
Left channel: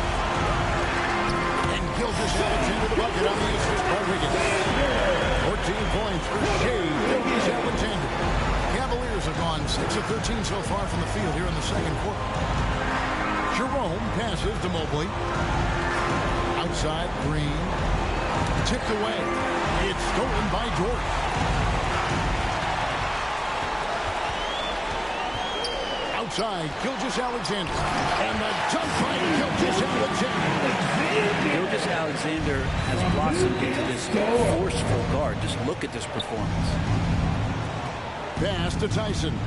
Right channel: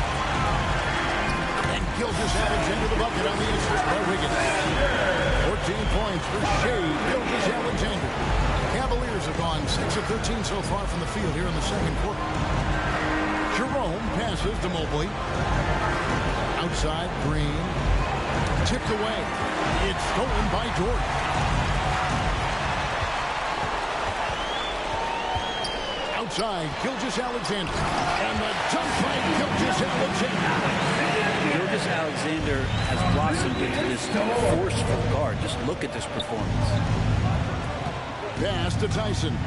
And Gilgeous-Alexander the bucket on the assist by Wiggins. 14 points for Shea Gilgeous-Alexander. Cavaliers have gone 6 of 13 so far from the field here in the second quarter. Jerome passes to Mobley. Outside, Green. Tipped away. It's stolen by Jordan. Outside, Gilgeous-Alexander. And the dunk by Gilgeous-Alexander. Gilgeous-Alexander has blossomed into this forceful guard. Just look at this performance. Pass to Tyson.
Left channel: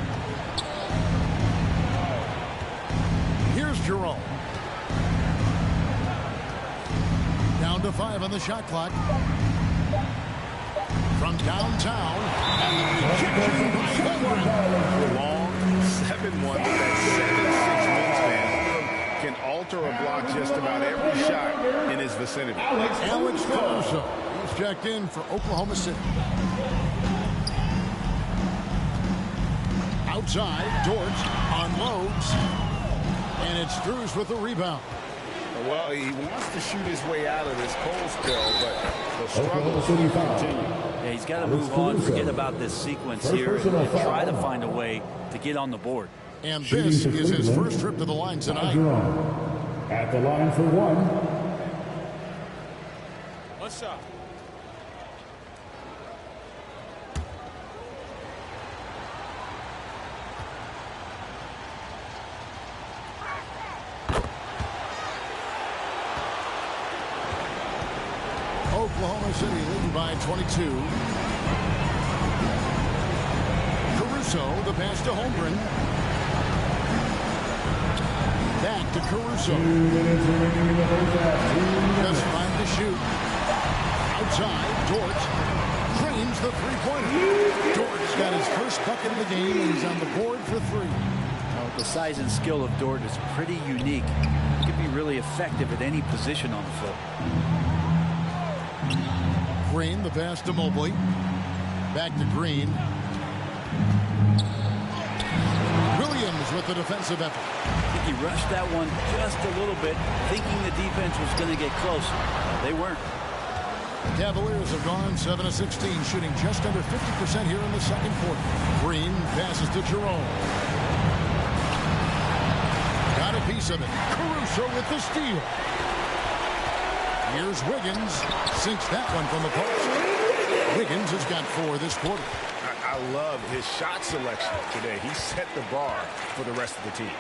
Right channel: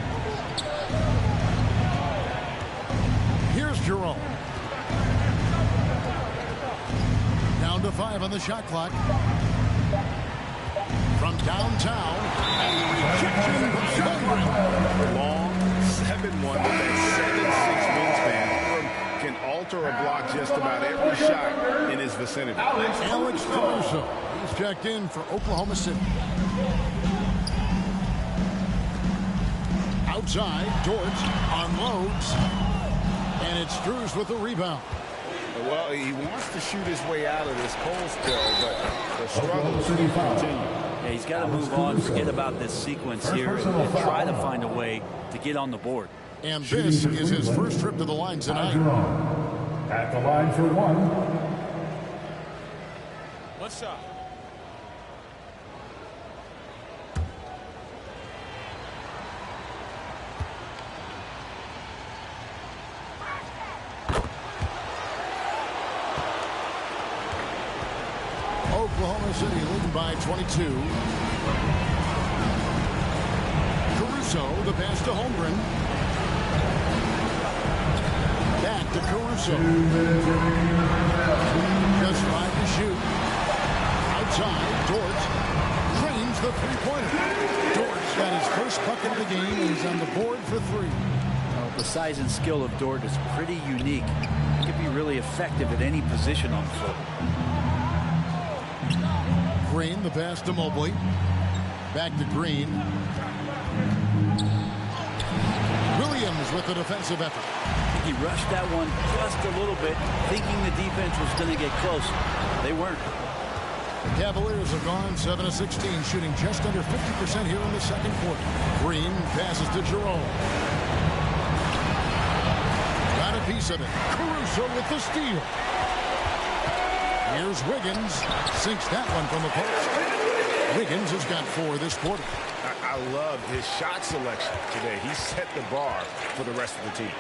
Here's Jerome. Down to 5 on the shot clock. From downtown, and the rejection by Holmgren. Long 7-1 with that 7'6" wingspan. Holmgren can alter a block just about every shot in his vicinity. Alex Caruso. He's checked in for Oklahoma City. Outside, Dort unloads. And it's Strus with the rebound. Well, he wants to shoot his way out of this cold spell, but the struggles continue. Yeah, he's got to move on, forget about this sequence here, and try to find a way to get on the board. And this is his first trip to the line tonight. At the line for one. One shot. Oklahoma City leading by 22. Caruso, the pass to Holmgren. Back to Caruso. 2 minutes remaining in the first half. Just 5 to shoot. Outside, Dort frames the three-pointer. Dort's got his first bucket of the game, and he's on the board for 3. Well, the size and skill of Dort is pretty unique. He can be really effective at any position on the floor. Green, the pass to Mobley. Back to Green. Williams with the defensive effort. I think he rushed that one just a little bit, thinking the defense was going to get closer. They weren't. The Cavaliers have gone 7 of 16, shooting just under 50% here in the second quarter. Green passes to Jerome. Got a piece of it. Caruso with the steal. Here's Wiggins. Sinks that one from the post. Wiggins has got 4 this quarter. I love his shot selection today. He set the bar for the rest of the team.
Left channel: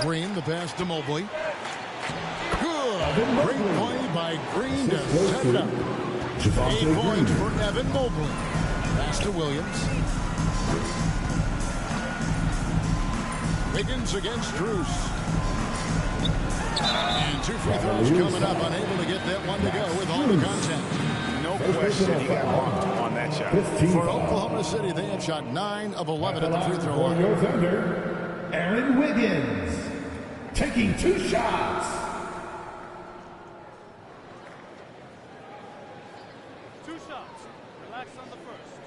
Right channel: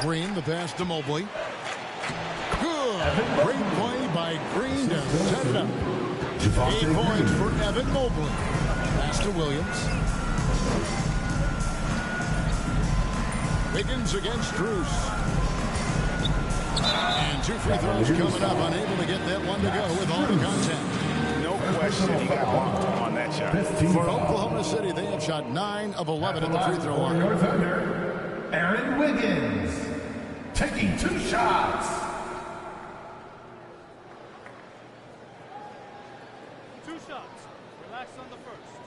Green, the pass to Mobley. Good. Great play by Green to set it up. 8 points for Evan Mobley. Pass to Williams. Wiggins against Strus. And 2 free throws coming up. Unable to get that one to go with all the contact. No question he got blocked on that shot. For Oklahoma City, they have shot 9 of 11 at the free throw line. Your thunder, Aaron Wiggins, taking 2 shots. 2 shots. Relax on the first.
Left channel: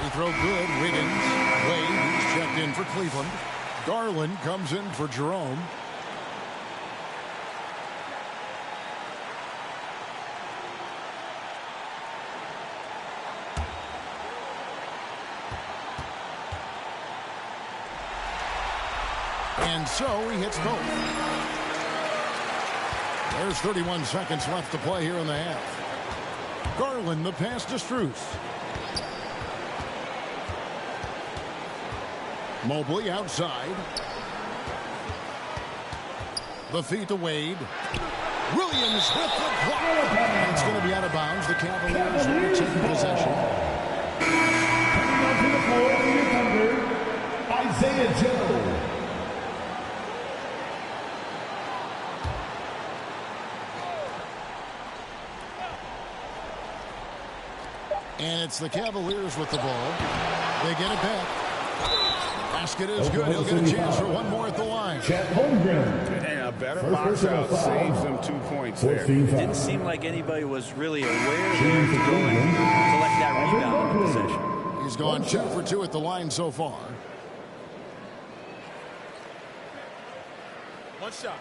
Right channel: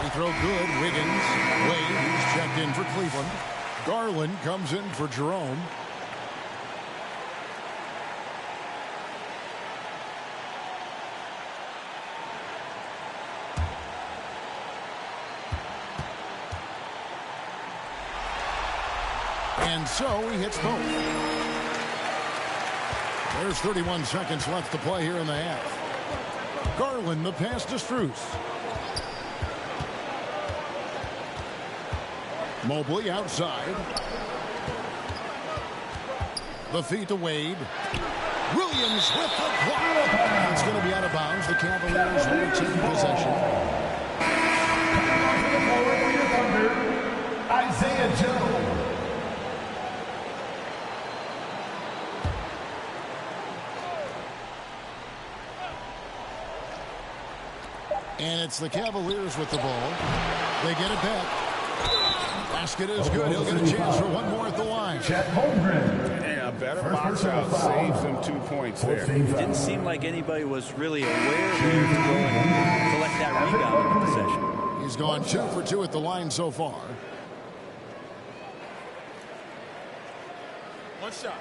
Free throw good. Wiggins. Wade, he's checked in for Cleveland. Garland comes in for Jerome. And so he hits both. There's 31 seconds left to play here in the half. Garland, the pass to Strus. Mobley outside. The feet to Wade. Williams with the block. It's going to be out of bounds. The Cavaliers will retain possession. Coming onto the floor for your thunder, Isaiah Joe. And it's the Cavaliers with the ball. They get it back. Basket is good. He'll get a chance for one more at the line. Chet Holmgren. And a better box out saves them 2 points there. It didn't seem like anybody was really aware there to go and collect that rebound in the possession. He's gone 2 for 2 at the line so far. One shot.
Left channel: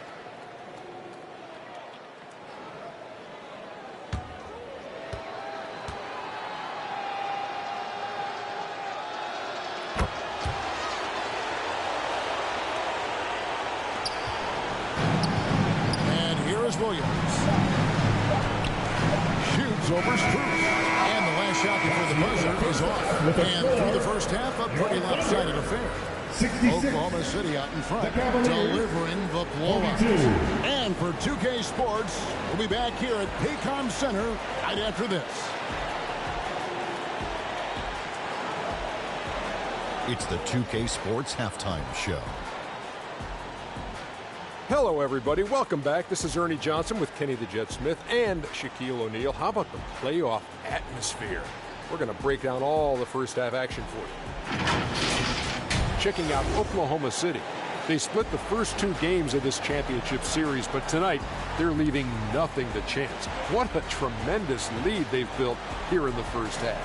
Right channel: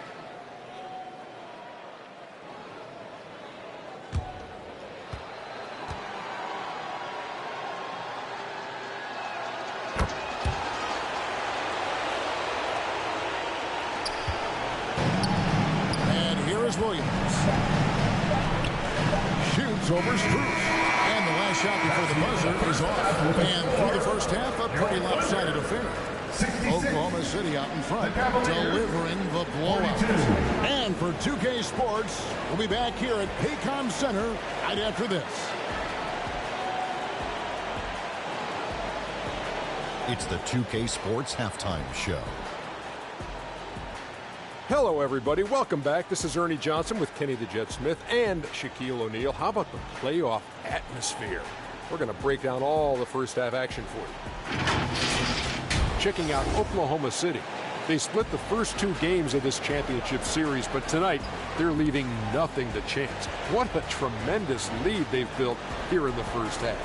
And here is Williams. Rhodes over Strus. And the last shot before the buzzer is off. And through the first half, a pretty lopsided affair. Oklahoma City out in front, delivering the blowout. And for 2K Sports, we'll be back here at Paycom Center right after this. It's the 2K Sports Halftime Show. Hello, everybody. Welcome back. This is Ernie Johnson with Kenny the Jet Smith and Shaquille O'Neal. How about the playoff atmosphere? We're going to break down all the first half action for you. Checking out Oklahoma City. They split the first 2 games of this championship series, but tonight they're leaving nothing to chance. What a tremendous lead they've built here in the first half.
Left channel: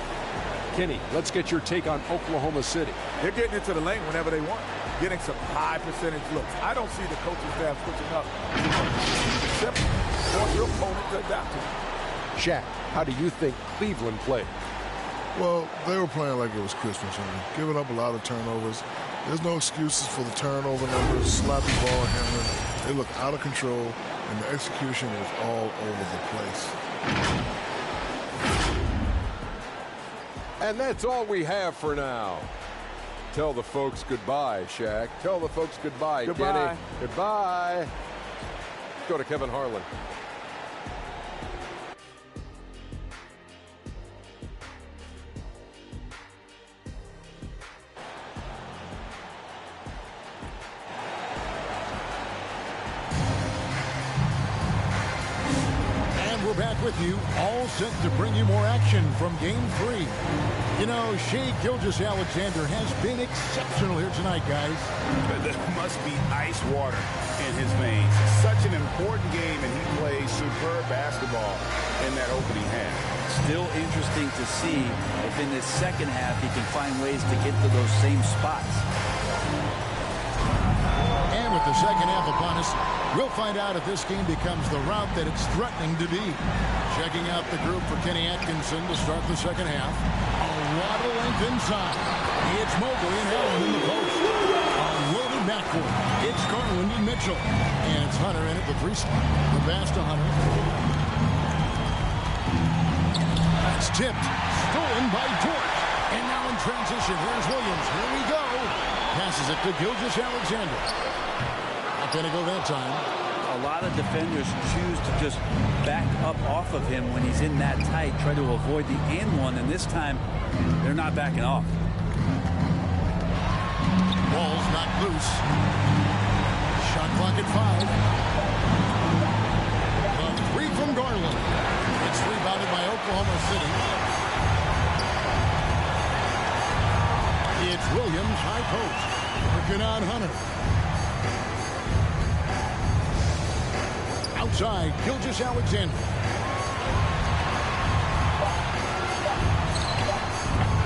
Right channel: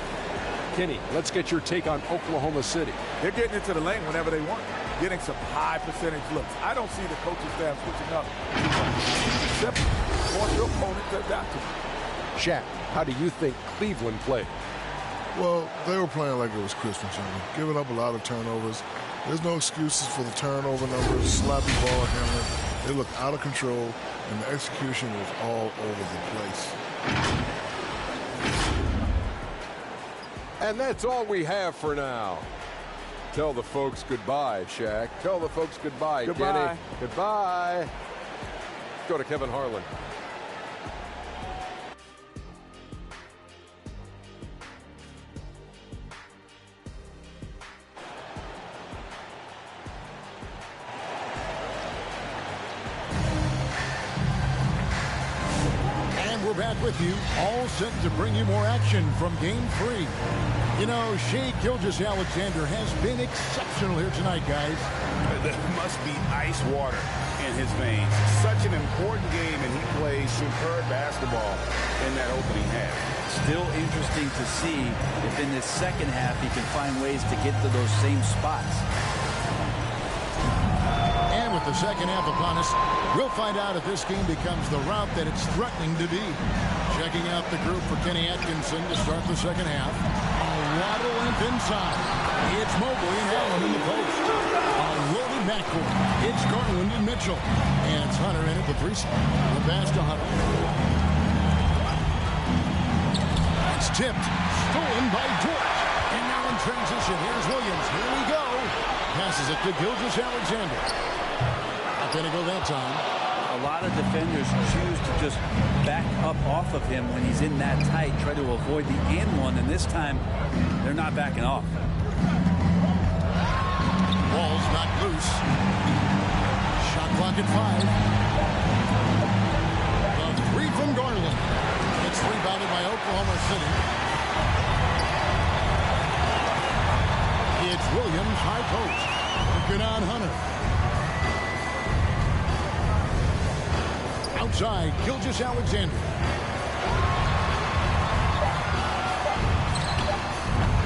Kenny, let's get your take on Oklahoma City. They're getting into the lane whenever they want, getting some high percentage looks. I don't see the coaching staff switching up, except force your opponent to adapt to it. Shaq, how do you think Cleveland played? Well, they were playing like it was Christmas, Ernie. Giving up a lot of turnovers. There's no excuses for the turnover numbers, sloppy ball handling. They look out of control, and the execution was all over the place. And that's all we have for now. Tell the folks goodbye, Shaq. Tell the folks goodbye, Goodbye. Kenny. Goodbye. Let's go to Kevin Harlan. And we're back with you, all set to bring you more action from Game 3. You know, Shai Gilgeous-Alexander has been exceptional here tonight, guys. There must be ice water in his veins. Such an important game, and he plays superb basketball in that opening half. Still interesting to see if in this second half he can find ways to get to those same spots. And with the second half upon us, we'll find out if this game becomes the route that it's threatening to be. Checking out the group for Kenny Atkinson to start the second half. A lot of length inside. It's Mobley and Allen in the post. A loaded backcourt. It's Garland and Mitchell. And it's Hunter in at the 3 spot. The pass to Hunter. It's tipped. Stolen by Dort. And now in transition, here's Williams. Here we go. Passes it to Gilgeous-Alexander. Not going to go that time. A lot of defenders choose to just back up off of him when he's in that tight, try to avoid the and one, and this time they're not backing off. Ball's knocked loose. Shot clock at 5. The 3 from Garland. It's rebounded by Oklahoma City. It's Williams, high post. Working on Hunter. Outside, Gilgeous-Alexander.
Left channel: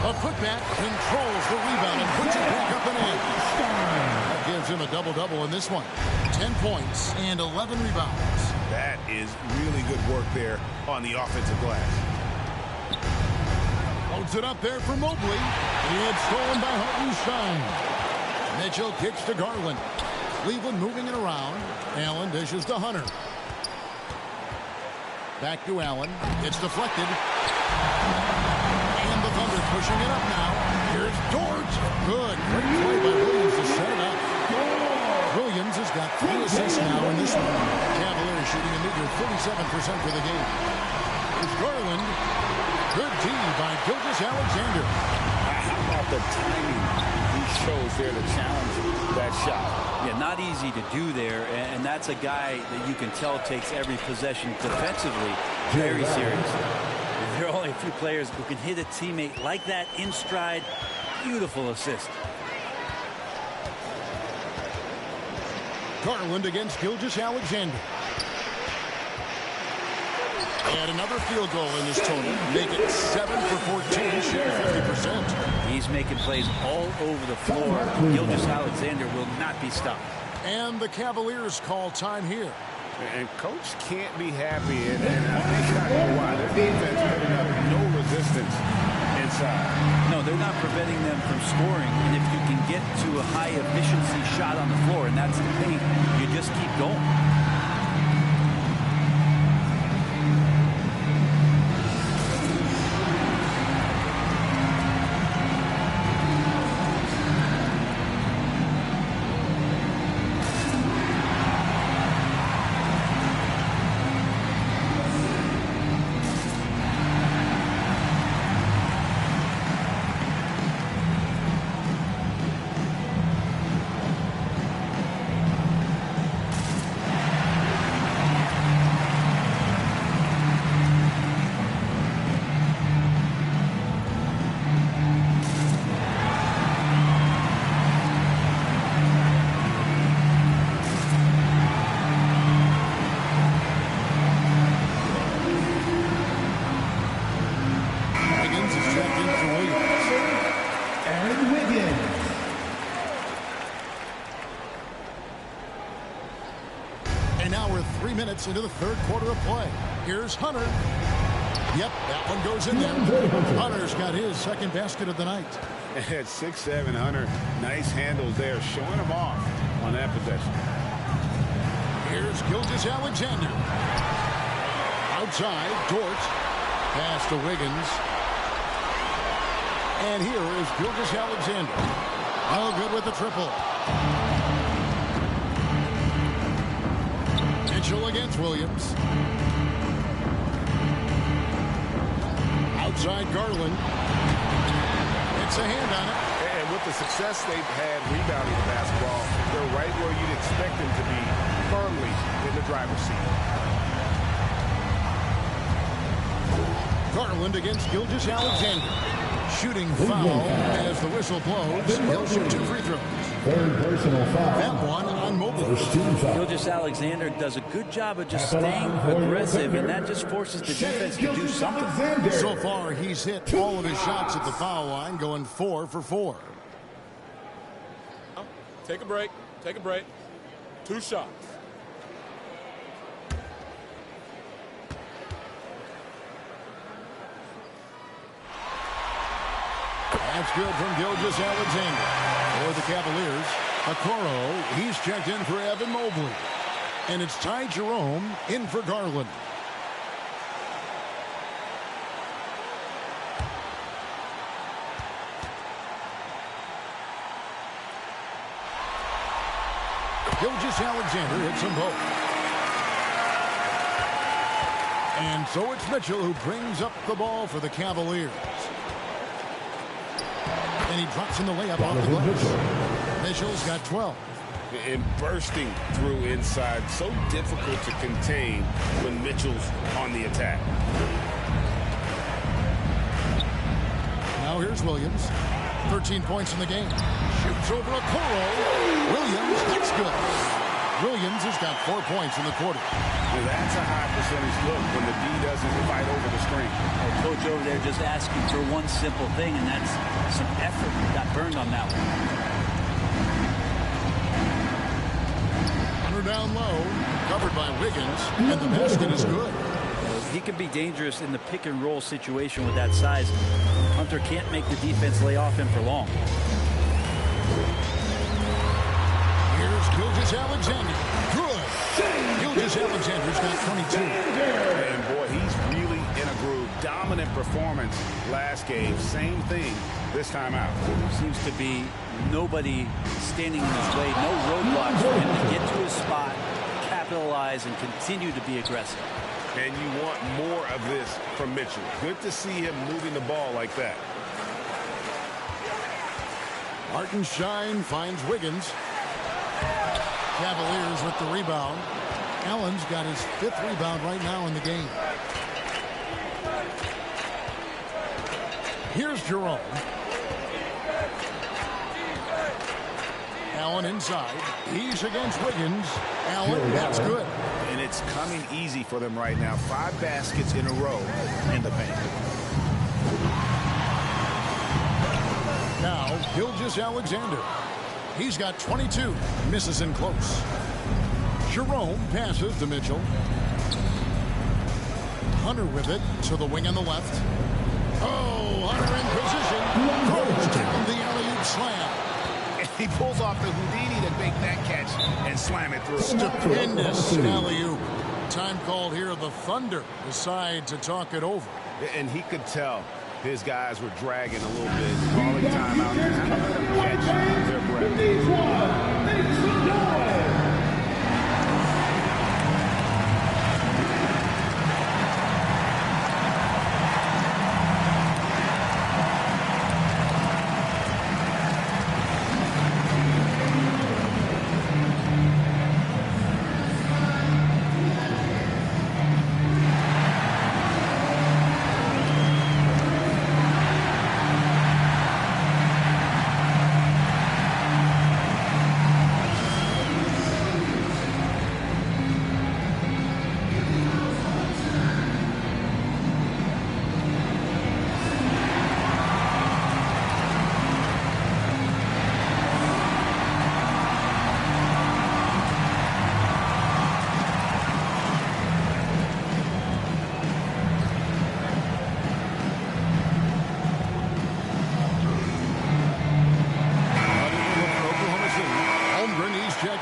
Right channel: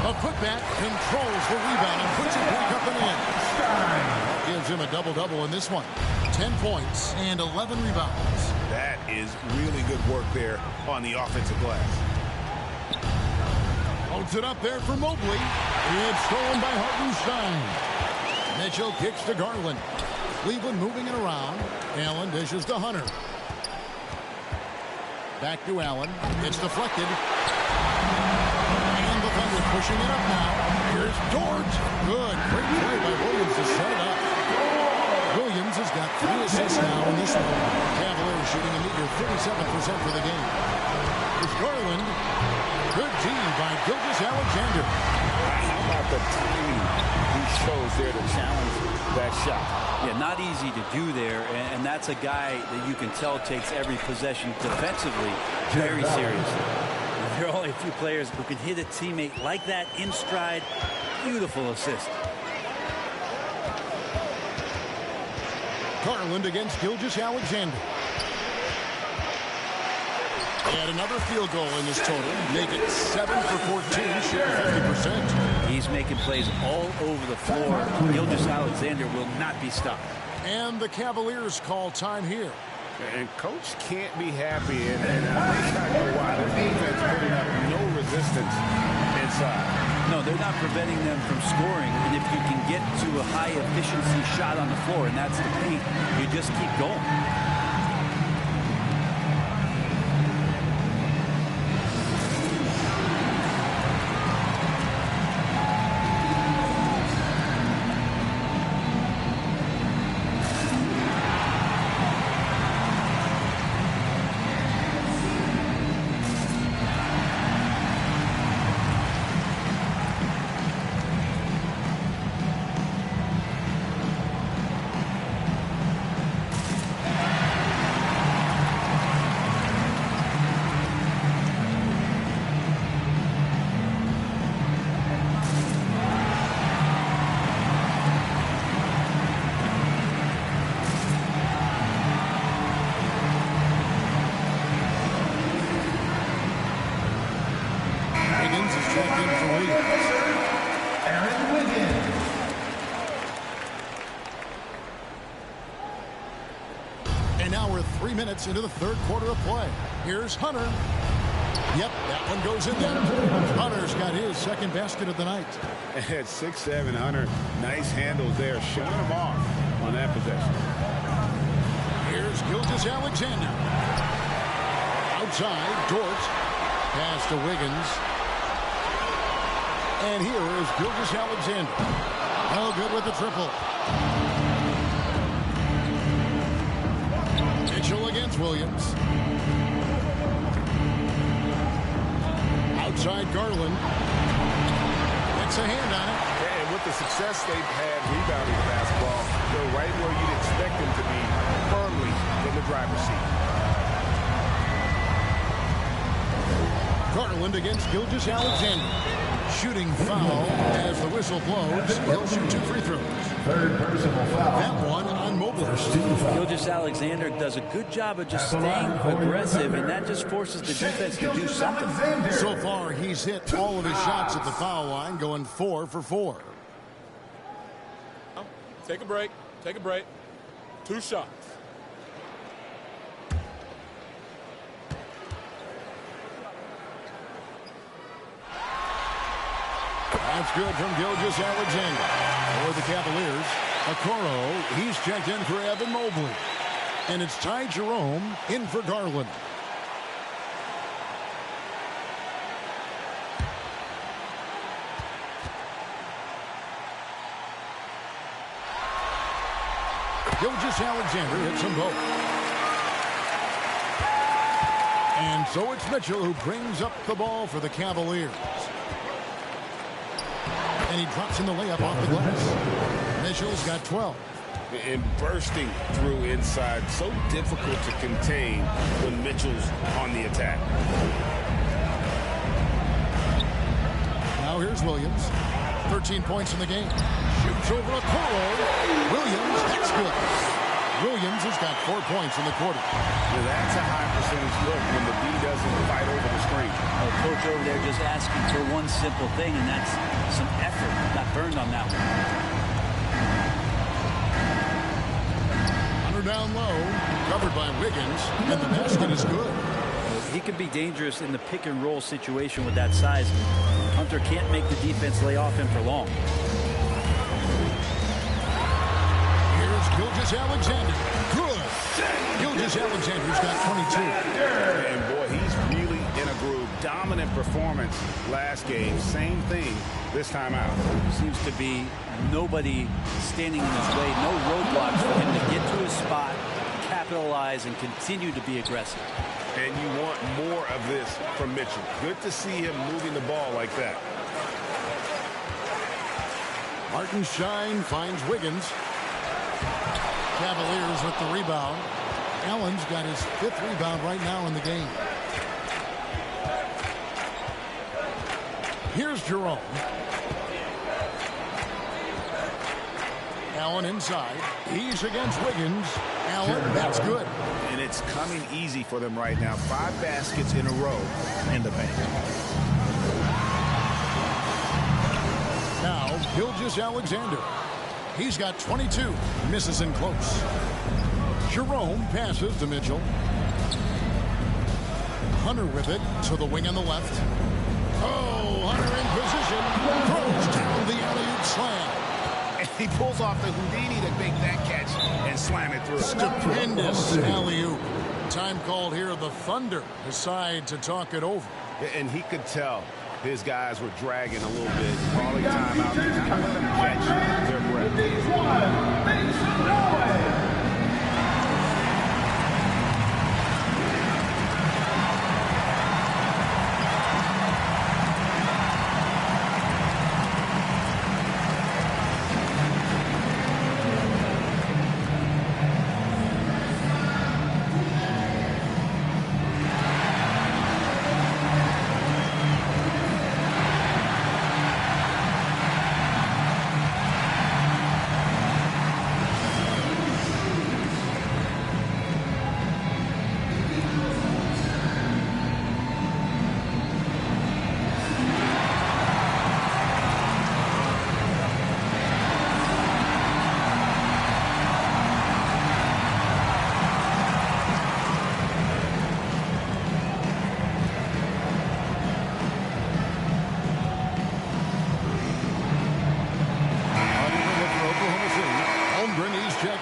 A putback controls the rebound and puts it back up and in. That gives him a double-double in this one. 10 points and 11 rebounds. That is really good work there on the offensive glass. Holds it up there for Mobley. It's stolen by Hartenstein. Mitchell kicks to Garland. Cleveland moving it around. Allen dishes to Hunter. Back to Allen. It's deflected. And the Thunder pushing it up now. Here's Dort. Good. Great play by Williams to set it up. Williams has got 3 assists now in this one. Cavaliers shooting a meager 37% for the game. Here's Garland. Good D by Gilgeous-Alexander. How about the timing he shows there to challenge that shot? Yeah, not easy to do there, and that's a guy that you can tell takes every possession defensively very seriously. There are only a few players who can hit a teammate like that in stride. Beautiful assist. Garland against Gilgeous-Alexander. And another field goal in this total. Make it 7 for 14, shooting 50%. He's making plays all over the floor. Gilgeous-Alexander will not be stopped. And the Cavaliers call time here. And Coach can't be happy, and I think I know why. Their defense putting up no resistance inside. No, they're not preventing them from scoring. And if you can get to a high-efficiency shot on the floor, and that's the paint, you just keep going. Wiggins is checked in for Williams. Aaron Wiggins. And now we're 3 minutes into the third quarter of play. Here's Hunter. Yep, that one goes in there. Hunter's got his second basket of the night. At 6'7", Hunter, nice handles there, showing him off on that possession. Here's Gilgeous-Alexander. Outside, Dort. Pass to Wiggins. And here is Gilgeous-Alexander. Oh, good with the triple. Mitchell against Williams. Outside Garland. Gets a hand on it. And with the success they've had rebounding the basketball, they're right where you'd expect them to be, firmly in the driver's seat. Garland against Gilgeous-Alexander. Shooting foul as the whistle blows. He'll shoot 2 free throws. Third personal foul. That one on Mobley. First team foul. Gilgeous-Alexander does a good job of just staying aggressive, and that just forces the defense to do something. So far, he's hit all of his shots at the foul line, going 4 for 4. Take a break. Take a break. 2 shots. That's good from Gilgeous-Alexander. For the Cavaliers, Okoro, he's checked in for Evan Mobley. And it's Ty Jerome in for Garland. Gilgeous-Alexander hits them both. And so it's Mitchell who brings up the ball for the Cavaliers. And he drops in the layup off the glass. Mitchell's got 12. And bursting through inside, so difficult to contain when Mitchell's on the attack. Now here's Williams. 13 points in the game. Shoots over Okoro. Williams, that's good. Williams has got 4 points in the quarter. Now that's a high percentage look when the D doesn't fight over the screen. Coach over there just asking for one simple thing, and that's some effort. Got burned on that one. Hunter down low, covered by Wiggins, and the basket is good. He can be dangerous in the pick and roll situation with that size. Hunter can't make the defense lay off him for long. Here's Gilgeous-Alexander. Good. Gilgeous-Alexander's got 22. And boy, he's really in a groove. Dominant performance last game. Same thing this time out. Seems to be nobody standing in his way. No roadblocks for him to get to his spot, capitalize, and continue to be aggressive. And you want more of this from Mitchell. Good to see him moving the ball like that. Hartenstein finds Wiggins. Cavaliers with the rebound. Allen's got his 5th rebound right now in the game. Here's Jerome. Allen inside. He's against Wiggins. Allen, that's good. And it's coming easy for them right now. 5 baskets in a row in the paint. Now, Gilgeous-Alexander. He's got 22. Misses in close. Jerome passes to Mitchell. Hunter with it to the wing on the left. Oh, Hunter in position. Throws down the alley-oop slam. And he pulls off the Houdini to make that catch and slam it through. Stupendous alley-oop. Time called here. The Thunder decide to talk it over. And he could tell his guys were dragging a little bit, calling timeout to kind of let them catch their breath. Make some noise.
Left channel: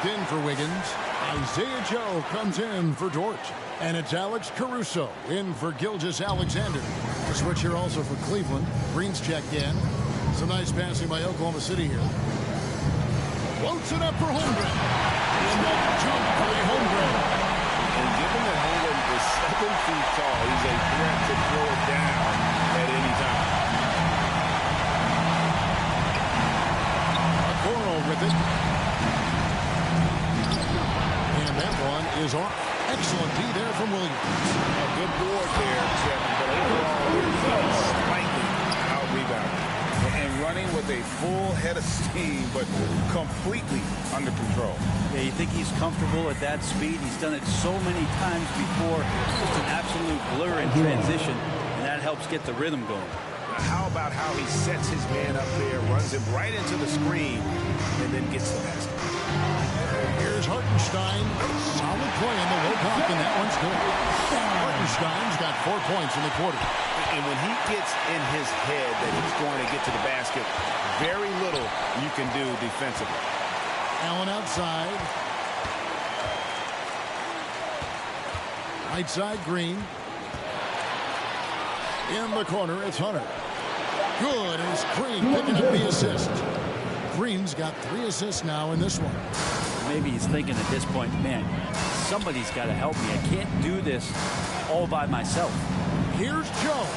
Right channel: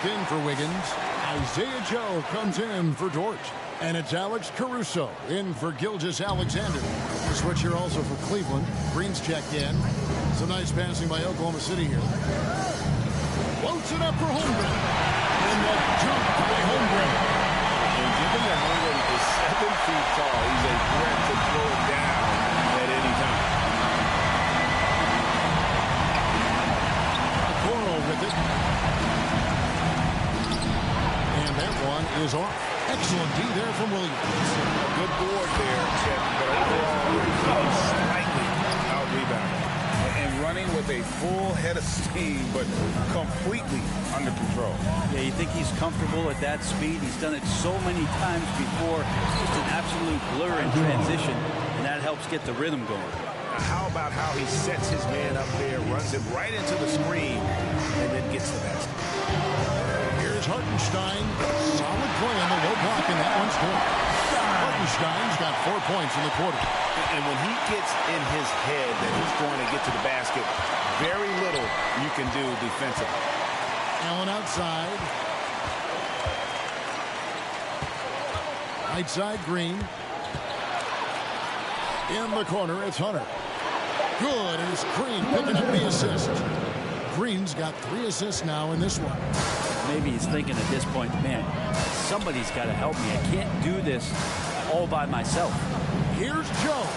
checked in for Wiggins. Isaiah Joe comes in for Dort. And it's Alex Caruso in for Gilgeous-Alexander. The switch here also for Cleveland. Green's checked in. Some nice passing by Oklahoma City here. Floats it up for Holmgren. And the jump by Holmgren. And given that Holmgren is 7 feet tall, he's a threat to throw it down at any time. Okoro with it. And that one is off. Excellent D there from Williams. A good board there, Kevin, but overall they're getting slightly out-rebounded. And running with a full head of steam, but completely under control. Yeah, you think he's comfortable at that speed. He's done it so many times before. Just an absolute blur in transition, and that helps get the rhythm going. Now, how about how he sets his man up there, runs him right into the screen, and then gets the basket. Here's Hartenstein. Solid play on the low block, and that one's good. Hartenstein's got 4 points in the quarter. And when he gets in his head that he's going to get to the basket, very little you can do defensively. Allen outside. Right side, Green. In the corner, it's Hunter. Good, it's Green picking up the assist. Green's got 3 assists now in this one. Maybe he's thinking at this point, man, somebody's got to help me. I can't do this all by myself. Here's Joe.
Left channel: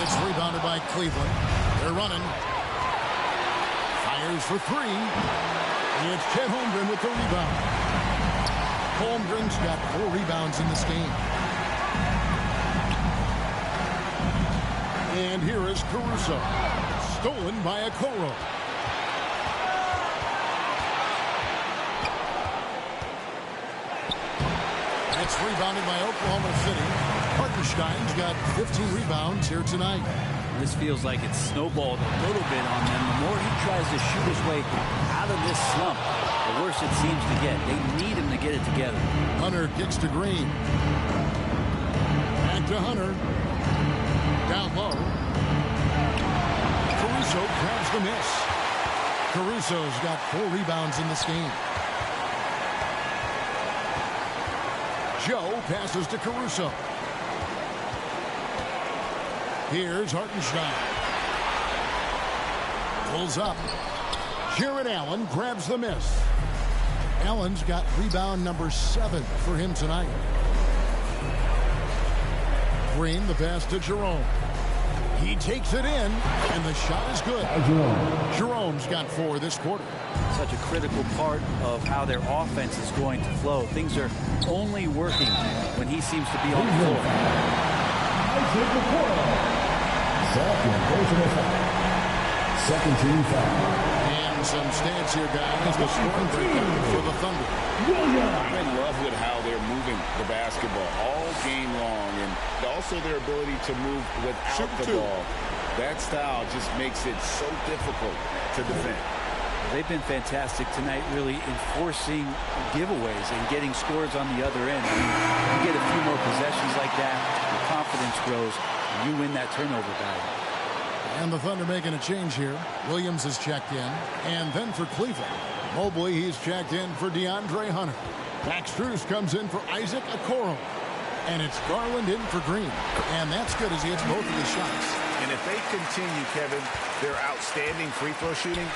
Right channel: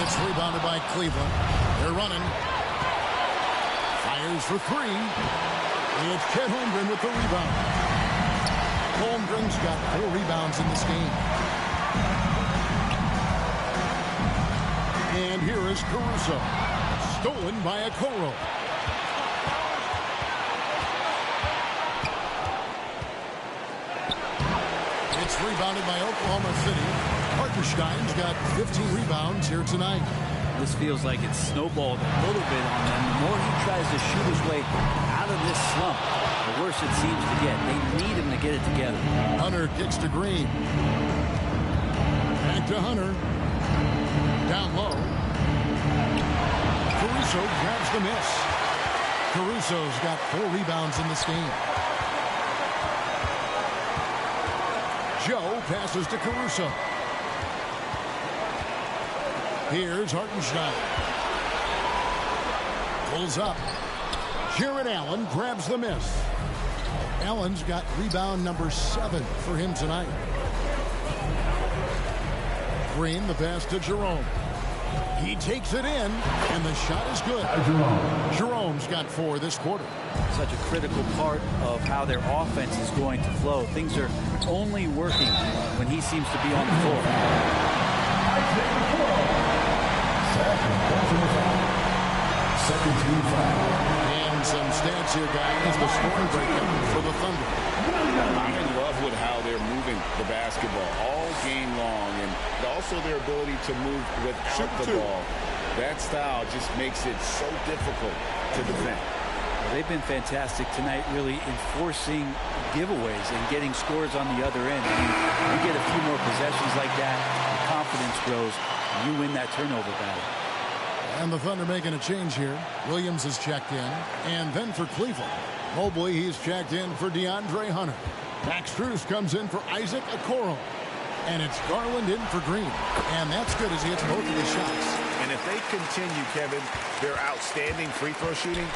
It's rebounded by Cleveland. They're running. Fires for 3. It's Chet Holmgren with the rebound. Holmgren's got 4 rebounds in this game. And here is Caruso. Stolen by Okoro. It's rebounded by Oklahoma City. Hartenstein's got 15 rebounds here tonight. This feels like it's snowballed a little bit on them. The more he tries to shoot his way out of this slump, the worse it seems to get. They need him to get it together. Hunter kicks to Green. Back to Hunter. Down low. Caruso grabs the miss. Caruso's got 4 rebounds in this game. Joe passes to Caruso. Here's Hartenstein. Pulls up. Jared Allen grabs the miss. Allen's got rebound number 7 for him tonight. Green, the pass to Jerome. He takes it in, and the shot is good. Jerome's got 4 this quarter. Such a critical part of how their offense is going to flow. Things are only working when he seems to be on the floor. Second team foul. And some stats here, guys. The scoring breakout for the Thunder. I'm in love with how they're moving the basketball all game long, and also their ability to move without the ball. That style just makes it so difficult to defend. Well, they've been fantastic tonight, really enforcing giveaways and getting scores on the other end. I mean, you get a few more possessions like that, your confidence grows, and you win that turnover battle. And the Thunder making a change here. Williams is checked in. And then for Cleveland, Mobley, he's checked in for DeAndre Hunter. Max Strus comes in for Isaac Okoro. And it's Garland in for Green. And that's good as he hits both of his shots. And if they continue, Kevin, their outstanding free throw shooting,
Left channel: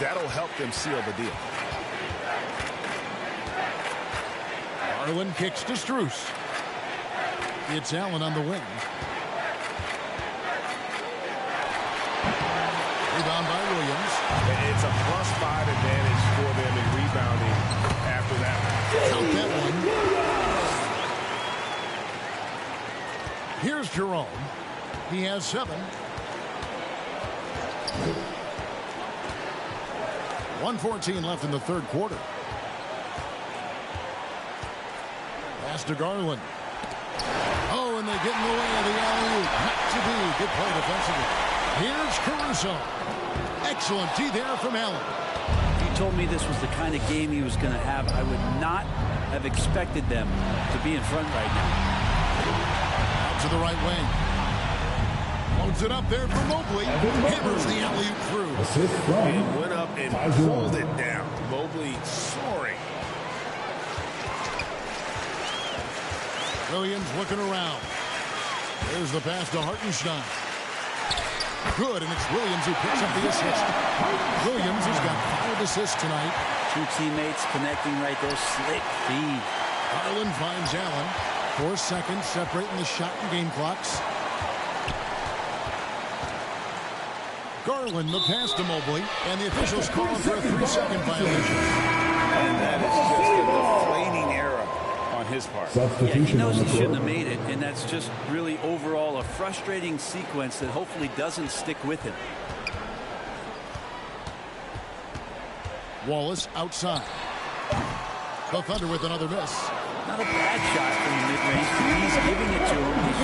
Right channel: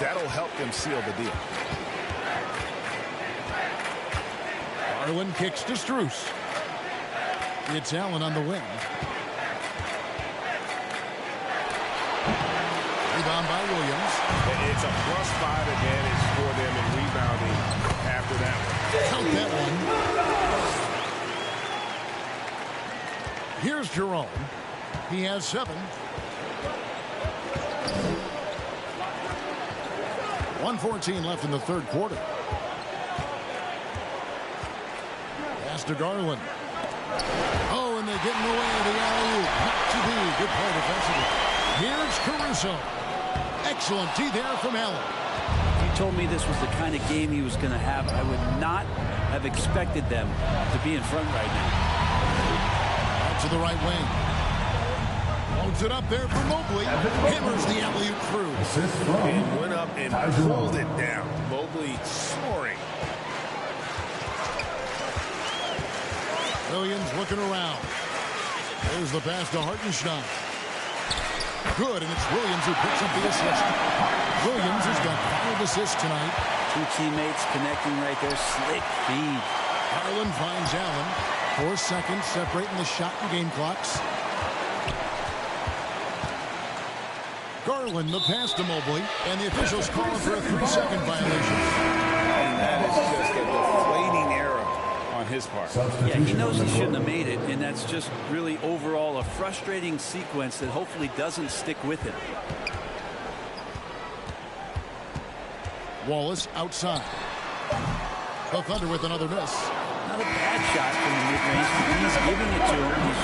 that'll help them seal the deal. Garland kicks to Strus. It's Allen on the wing. Rebound by Williams. It's a +5 advantage for them in rebounding after that one. Count that one. Here's Jerome. He has 7. 1:14 left in the third quarter. Pass to Garland. Oh, and they get in the way of the alley-oop. Not to be. Good play defensively. Here's Caruso. Excellent D there from Allen. If you told me this was the kind of game he was going to have, I would not have expected them to be in front right now. Out to the right wing. Loads it up there for Mobley. Hammers the alley-oop through. And went up and pulled it down. Mobley soaring. Williams looking around. There's the pass to Hartenstein. Good, and it's Williams who picks up the assist. Williams has got 5 assists tonight. 2 teammates connecting right there. Slick feed. Garland finds Allen. 4 seconds separating the shot and game clocks. Garland, the pass to Mobley, and the officials calling for a 3-second violation. And that is just a deflating error on his part. Yeah, he knows he shouldn't have made it, and that's just really overall a frustrating sequence that hopefully doesn't stick with him. Wallace outside. The Thunder with another miss. Not a bad shot from the mid-range, but he's giving it to him. He's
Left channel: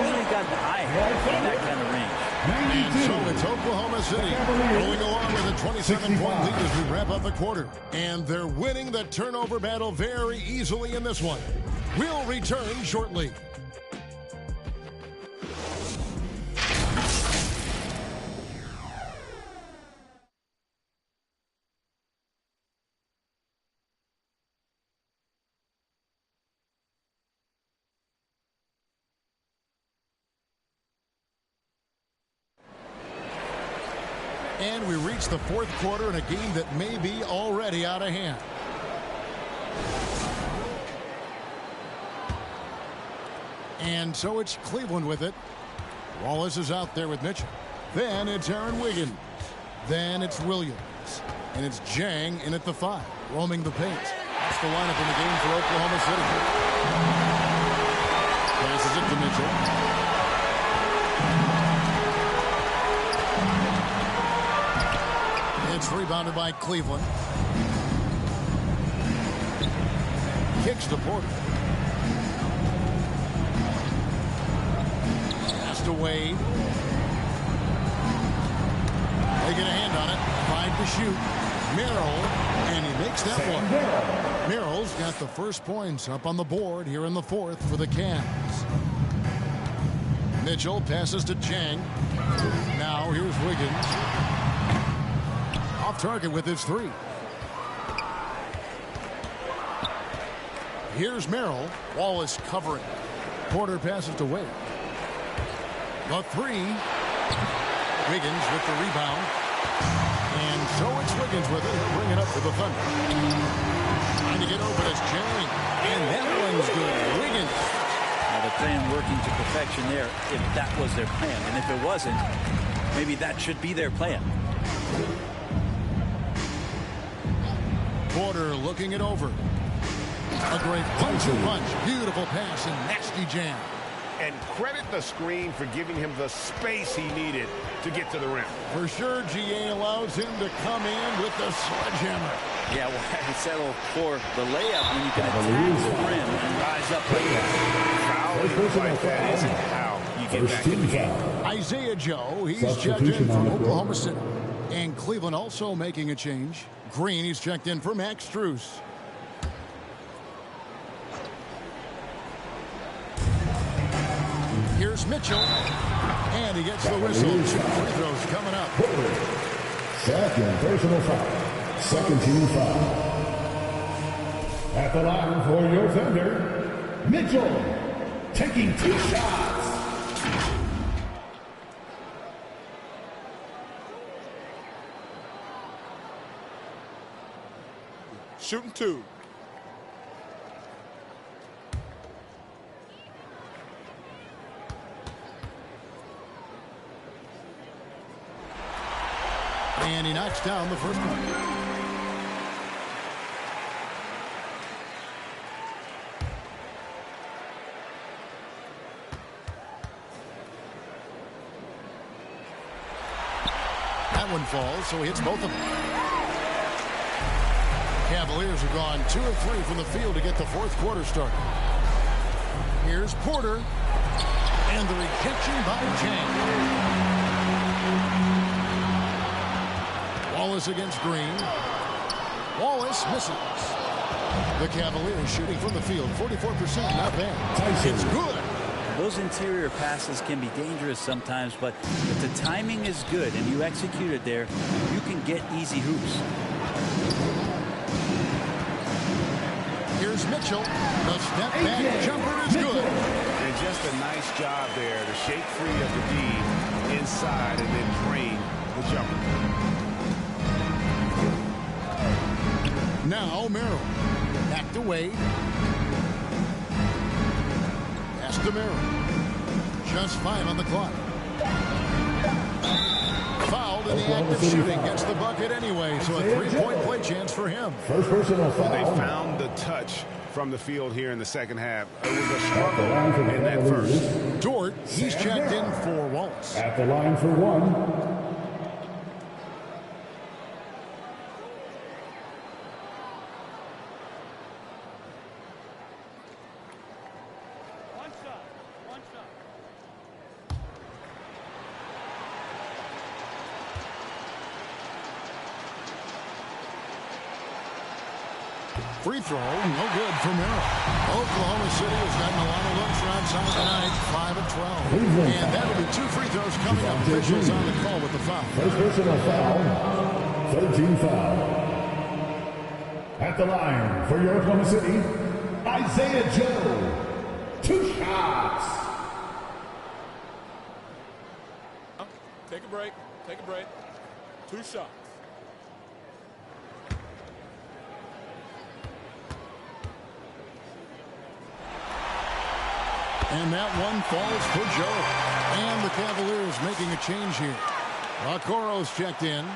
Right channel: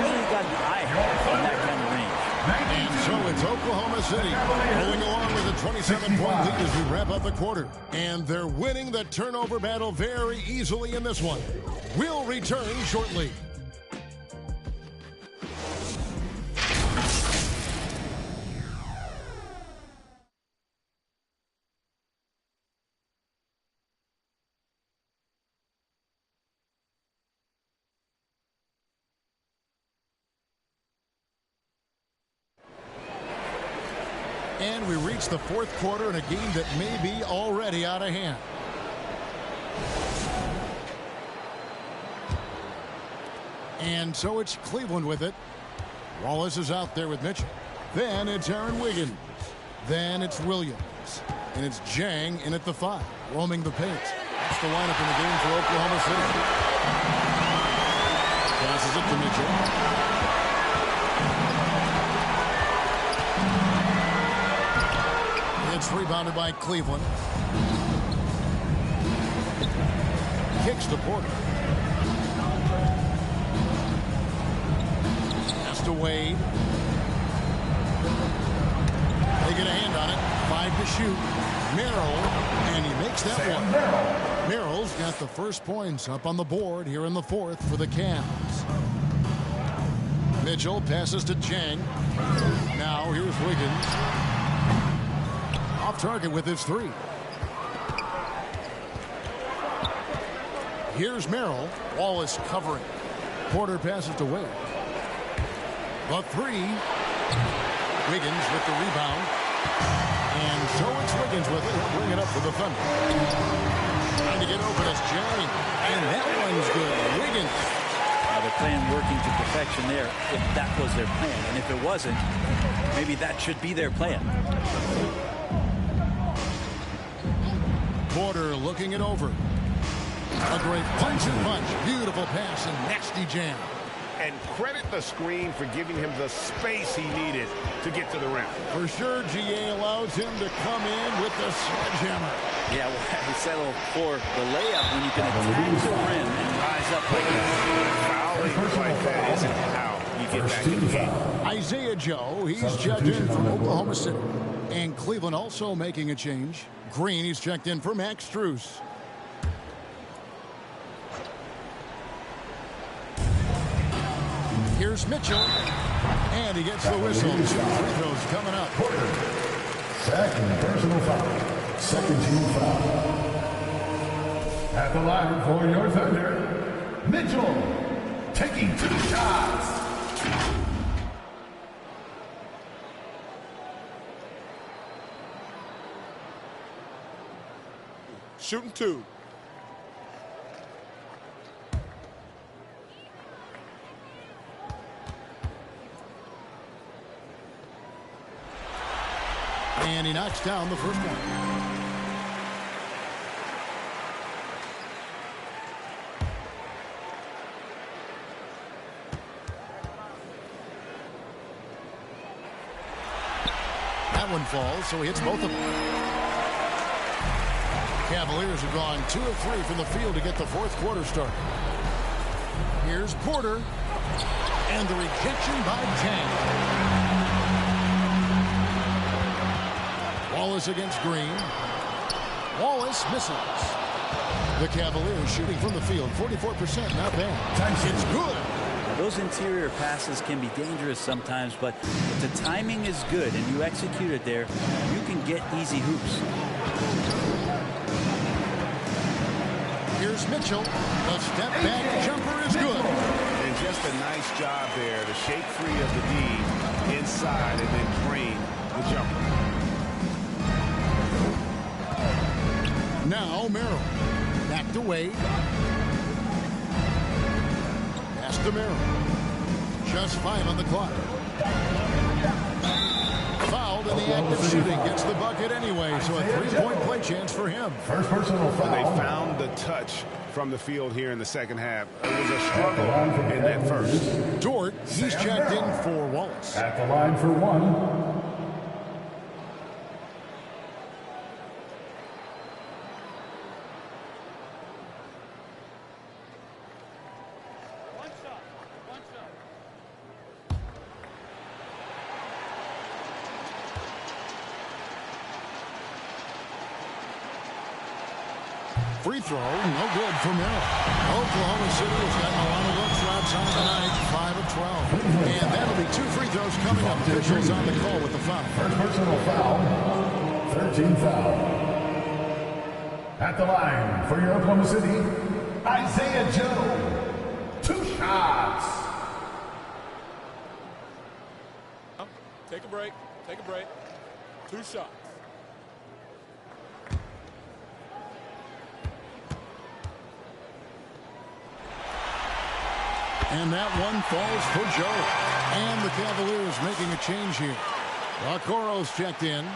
usually got an eye from that kind of range. And so it's Oklahoma City rolling along with a 27-point lead as we wrap up the quarter. And they're winning the turnover battle very easily in this one. We'll return shortly. And we reach the 4th quarter in a game that may be already out of hand. And so it's Cleveland with it. Wallace is out there with Mitchell. Then it's Aaron Wiggins. Then it's Williams. And it's Jang in at the 5, roaming the paint. That's the lineup in the game for Oklahoma City. Passes it to Mitchell. It's rebounded by Cleveland. Kicks to Porter. Pass to Wade. They get a hand on it. 5 to shoot. Merrill, and he makes that one. Merrill's got the first points up on the board here in the 4th for the Cavs. Mitchell passes to Jang. Now here's Wiggins. Off target with his 3. Here's Merrill. Wallace covering. Porter passes to Wade. The 3. Wiggins with the rebound. And so it's Wiggins with it. He'll bring it up for the Thunder. Trying to get open as Jang. And that one's good. Wiggins. Now they're playing working to perfection there if that was their plan. And if it wasn't, maybe that should be their plan. Porter looking it over. A great 1-2 punch. Beautiful pass and nasty jam. And credit the screen for giving him the space he needed to get to the rim. For sure, GA allows him to come in with the sledgehammer. Yeah, well, he settled for the layup when you can attack the rim and rise up like that. Fouling like that isn't how you get back in the game. Isaiah Joe, he's checked in from Oklahoma City. And Cleveland also making a change. Green, he's checked in for Max Strus. Here's Mitchell. And he gets the whistle. 2 free throws coming up. Porter. Second personal foul. Second team foul. At the line for your Thunder, Mitchell. Taking 2 shots. Shooting 2. And he knocks down the first one. That one falls, so he hits both of them. Cavaliers have gone 2 of 3 from the field to get the 4th quarter started. Here's Porter. And the rejection by Jang. Wallace against Green. Wallace misses. The Cavaliers shooting from the field. 44%, not bad. It's good. Those interior passes can be dangerous sometimes, but if the timing is good and you execute it there, you can get easy hoops. Here's Mitchell. The step back jumper is good. And just a nice job there to shake free of the D inside and then drain the jumper. Now Merrill. Back to Wade. Pass to Merrill. Just 5 on the clock. Fouled in the act of shooting. Gets the bucket anyway, so a 3-point play chance for him. First personal foul. And they found the touch from the field here in the second half. It was a struggle in that first. Dort, he's checked in for Wallace. At the line for 1. Free throw, no good for Merrill. Oklahoma City has gotten a lot of looks for outside tonight, 5 of 12. And that'll be 2 free throws coming up. Officials on the call with the foul. First personal foul, 13th foul. At the line for your Oklahoma City, Isaiah Joe. 2 shots. Take a break. Take a break. 2 shots. And that one falls for Joe. And the Cavaliers making a change here. Okoro's checked in.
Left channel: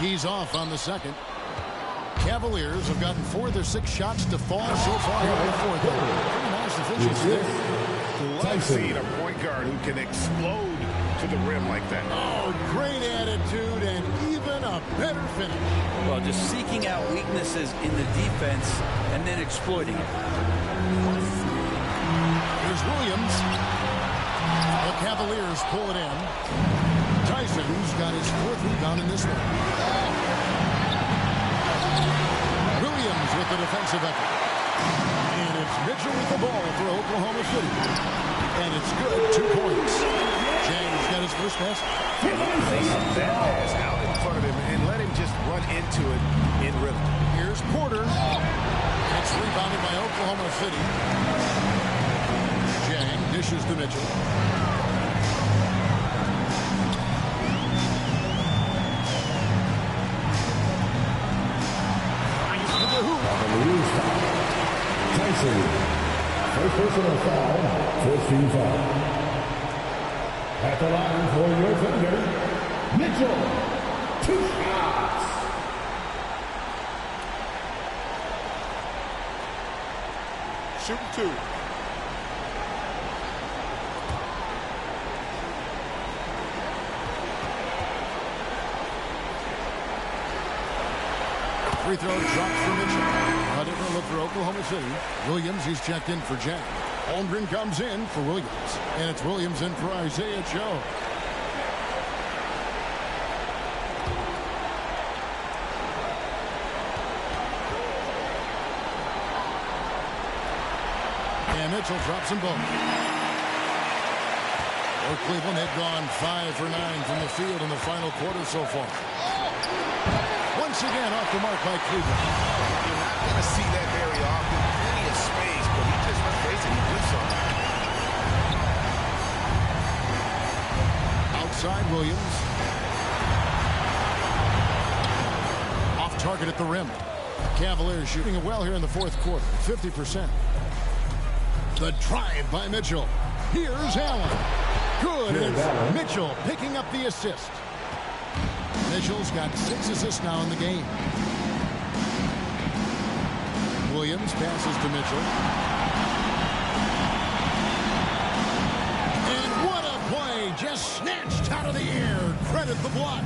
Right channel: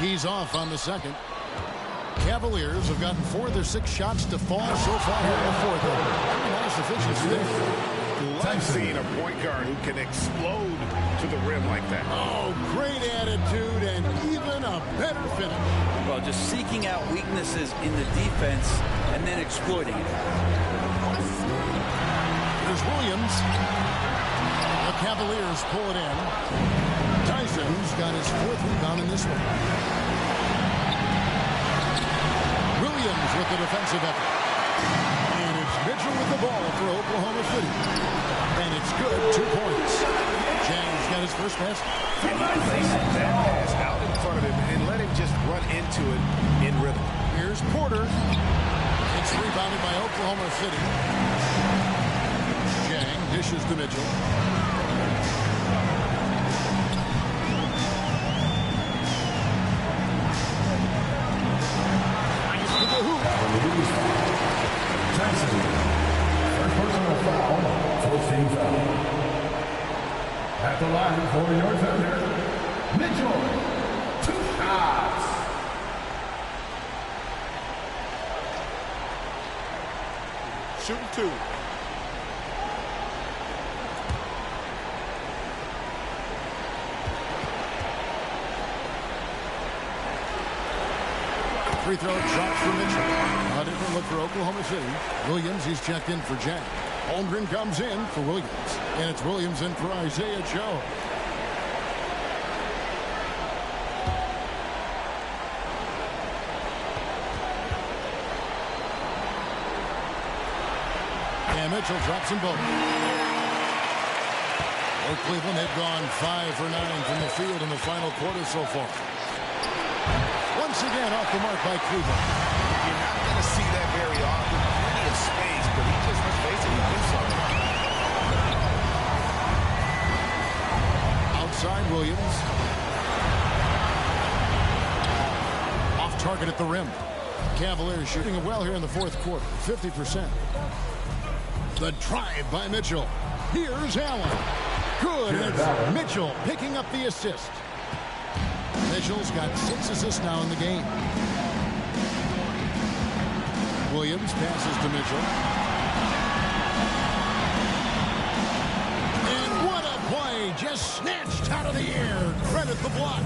He's off on the second. Cavaliers have gotten 4 of their 6 shots to fall so far here in the fourth. Pretty nice efficiency there. Love seeing a point guard who can explode to the rim like that. Oh, great attitude and even a better finish. Well, just seeking out weaknesses in the defense and then exploiting it. Here's Williams. The Cavaliers pull it in. Tyson's got his 4th rebound in this one. Williams with the defensive effort. And it's Mitchell with the ball for Oklahoma City. And it's good, 2 points. James got his first pass. And he placed that pass out in front of him and let him just run into it in rhythm. Here's Porter. It's rebounded by Oklahoma City. Jang dishes to Mitchell. Nice to the hoop. Tyson, first personal foul, 14th foul. At the line for your defender, Mitchell, 2 shots. Shooting 2. Free throw dropped for Mitchell. A different look for Oklahoma City. Williams, he's checked in for Jang. Holmgren comes in for Williams. And it's Williams in for Isaiah Joe. And Mitchell drops them both. For Cleveland, they've gone 5 for 9 from the field in the final quarter so far. Once again, off the mark by Cleveland. You're not going to see that very often. Plenty of space, but he just, let's face it, he whiffs on it. Outside Williams. Off target at the rim. Cavaliers shooting it well here in the fourth quarter. 50%. The drive by Mitchell. Here's Allen. Good. And it's Mitchell picking up the assist. Mitchell's got 6 assists now in the game. Williams passes to Mitchell. And what a play. Just snatched out of the air. Credit the block.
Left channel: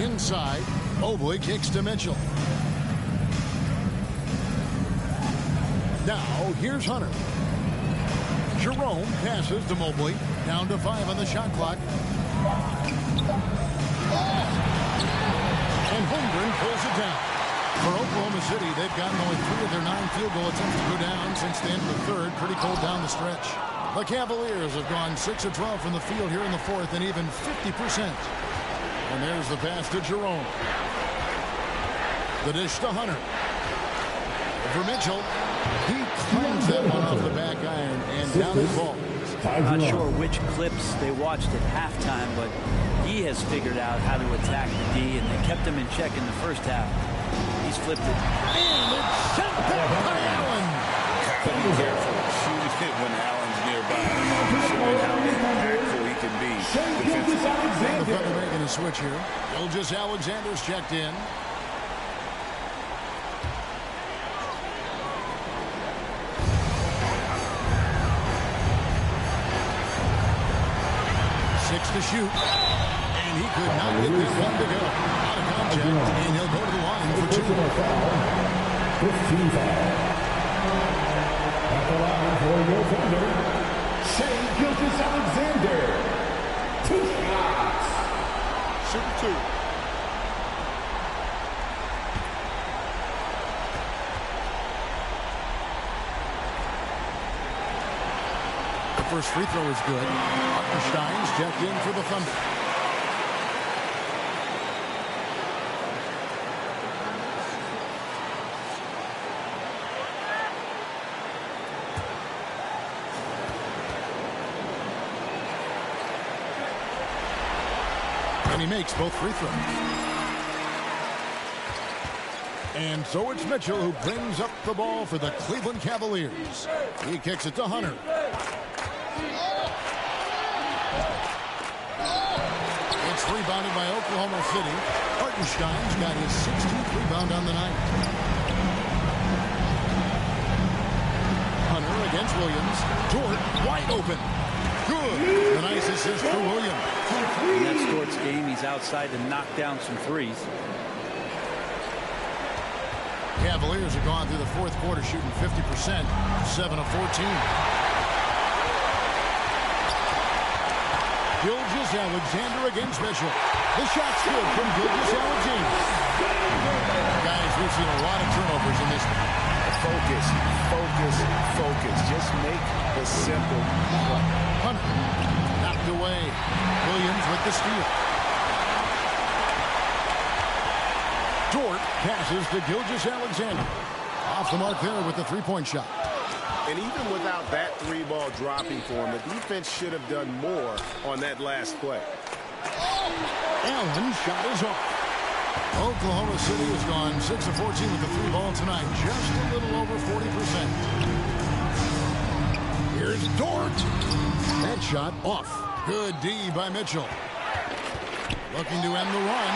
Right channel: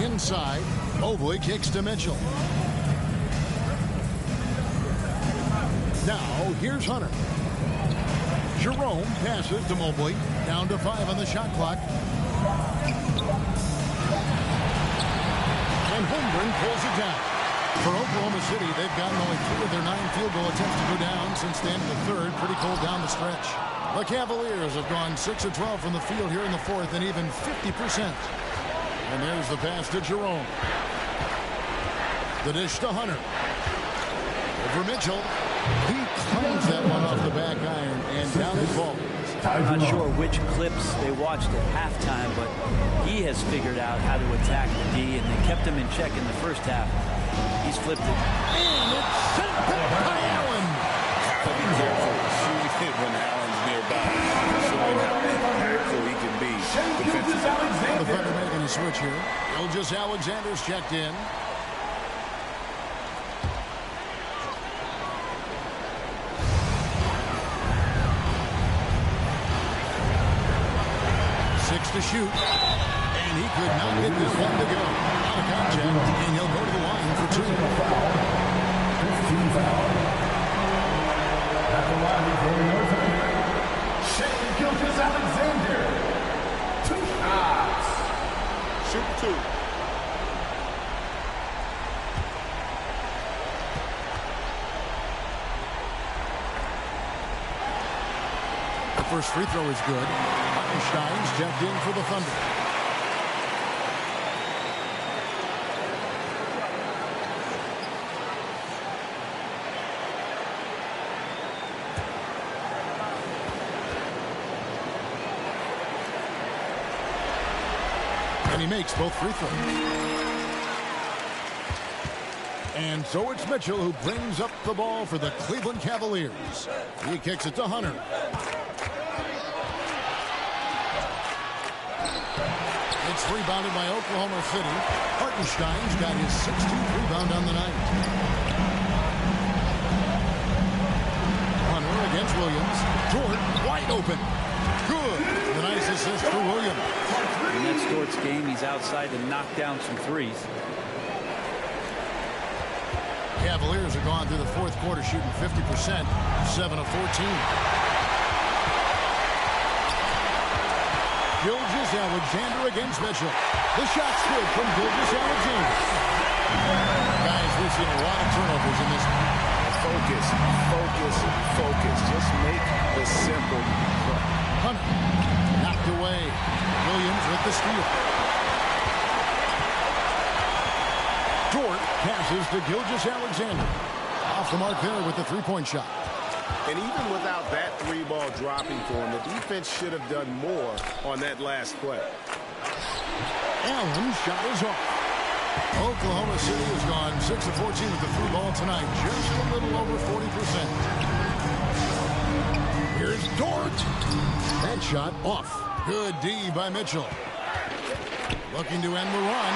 Inside, Mobley kicks to Mitchell. Now, here's Hunter. Jerome passes to Mobley. Down to 5 on the shot clock. And Holmgren pulls it down. For Oklahoma City, they've gotten only 3 of their 9 field goal attempts to go down since the end of the third. Pretty cold down the stretch. The Cavaliers have gone 6 of 12 from the field here in the fourth and even 50%. And there's the pass to Jerome. The dish to Hunter. Over Mitchell. He claims that one off the back iron and down it falls. Not sure which clips they watched at halftime, but he has figured out how to attack the D, and they kept him in check in the first half. He's flipped it. And it's sent back by Allen. Gotta be careful shooting it when Allen's nearby, showing how impactful he can be defensively. The Thunder making a switch here. Gilgeous-Alexander's checked in. Six to shoot. And he could not get that one to go. Out of contact, and he'll go to the line for 2. 15 foul. At the line for your Thunder, Shai Gilgeous-Alexander. 2 shots. Shoot 2. The first free throw is good. Hartenstein's checked in for the Thunder. And he makes both free throws. And so it's Mitchell who brings up the ball for the Cleveland Cavaliers. He kicks it to Hunter. It's rebounded by Oklahoma City. Hartenstein's got his 16th rebound on the night. Hunter against Williams. Dort wide open. Good. The nice assist for Williams. In that Stort's game, he's outside to knock down some threes. Cavaliers have gone through the fourth quarter shooting 50%, 7 of 14. Gilgeous-Alexander against Mitchell. The shot's good from Gilgeous-Alexander. Guys, we've seen a lot of turnovers in this one. Focus, focus, focus. Just make the simple play. Hunter knocked away. Williams with the steal. Dort passes to Gilgeous-Alexander. Off the mark there with the three-point shot. And even without that 3-ball dropping for him, the defense should have done more on that last play. Allen's shot is off. Oklahoma City has gone 6 of 14 with the 3-ball tonight. Just a little over 40%. Here's Dort. That shot off. Good D by Mitchell. Looking to end the run.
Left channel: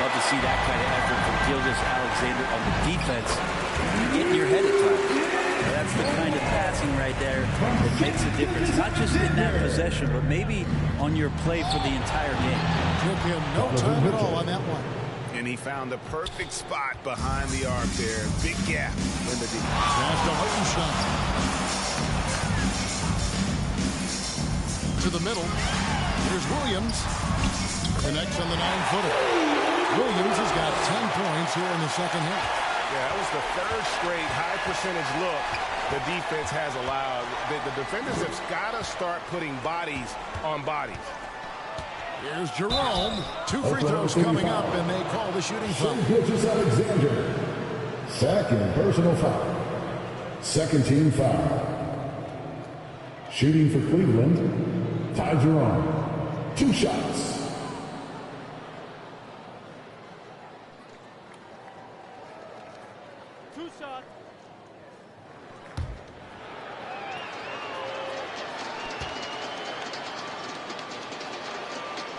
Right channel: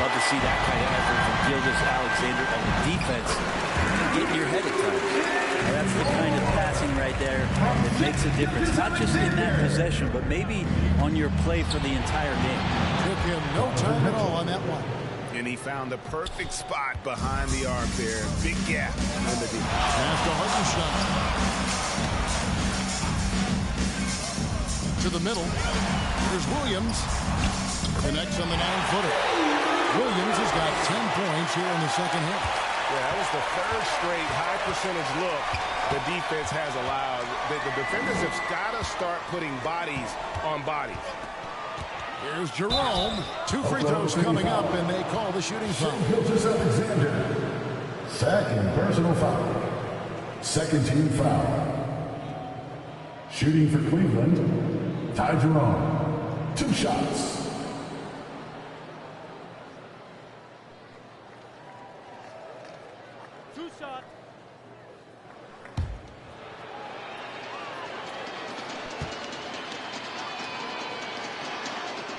Love to see that kind of effort from Gilgeous-Alexander on the defense. Get in your head at times. Now that's the kind of passing right there that makes a difference. Not just in that possession, but maybe on your play for the entire game. Took him no time at all on that one. And he found the perfect spot behind the arc there. Big gap in the deep. Pass to Hartenstein. To the middle. Here's Williams. Connects on the 9-footer. Williams has got 10 points here in the second half. Yeah, that was the third straight high percentage look the defense has allowed. The defenders have got to start putting bodies on bodies. Here's Jerome. 2 free throws coming up, and they call the shooting foul. Gilgeous-Alexander. Second personal foul. Second team foul. Shooting for Cleveland, Ty Jerome. 2 shots.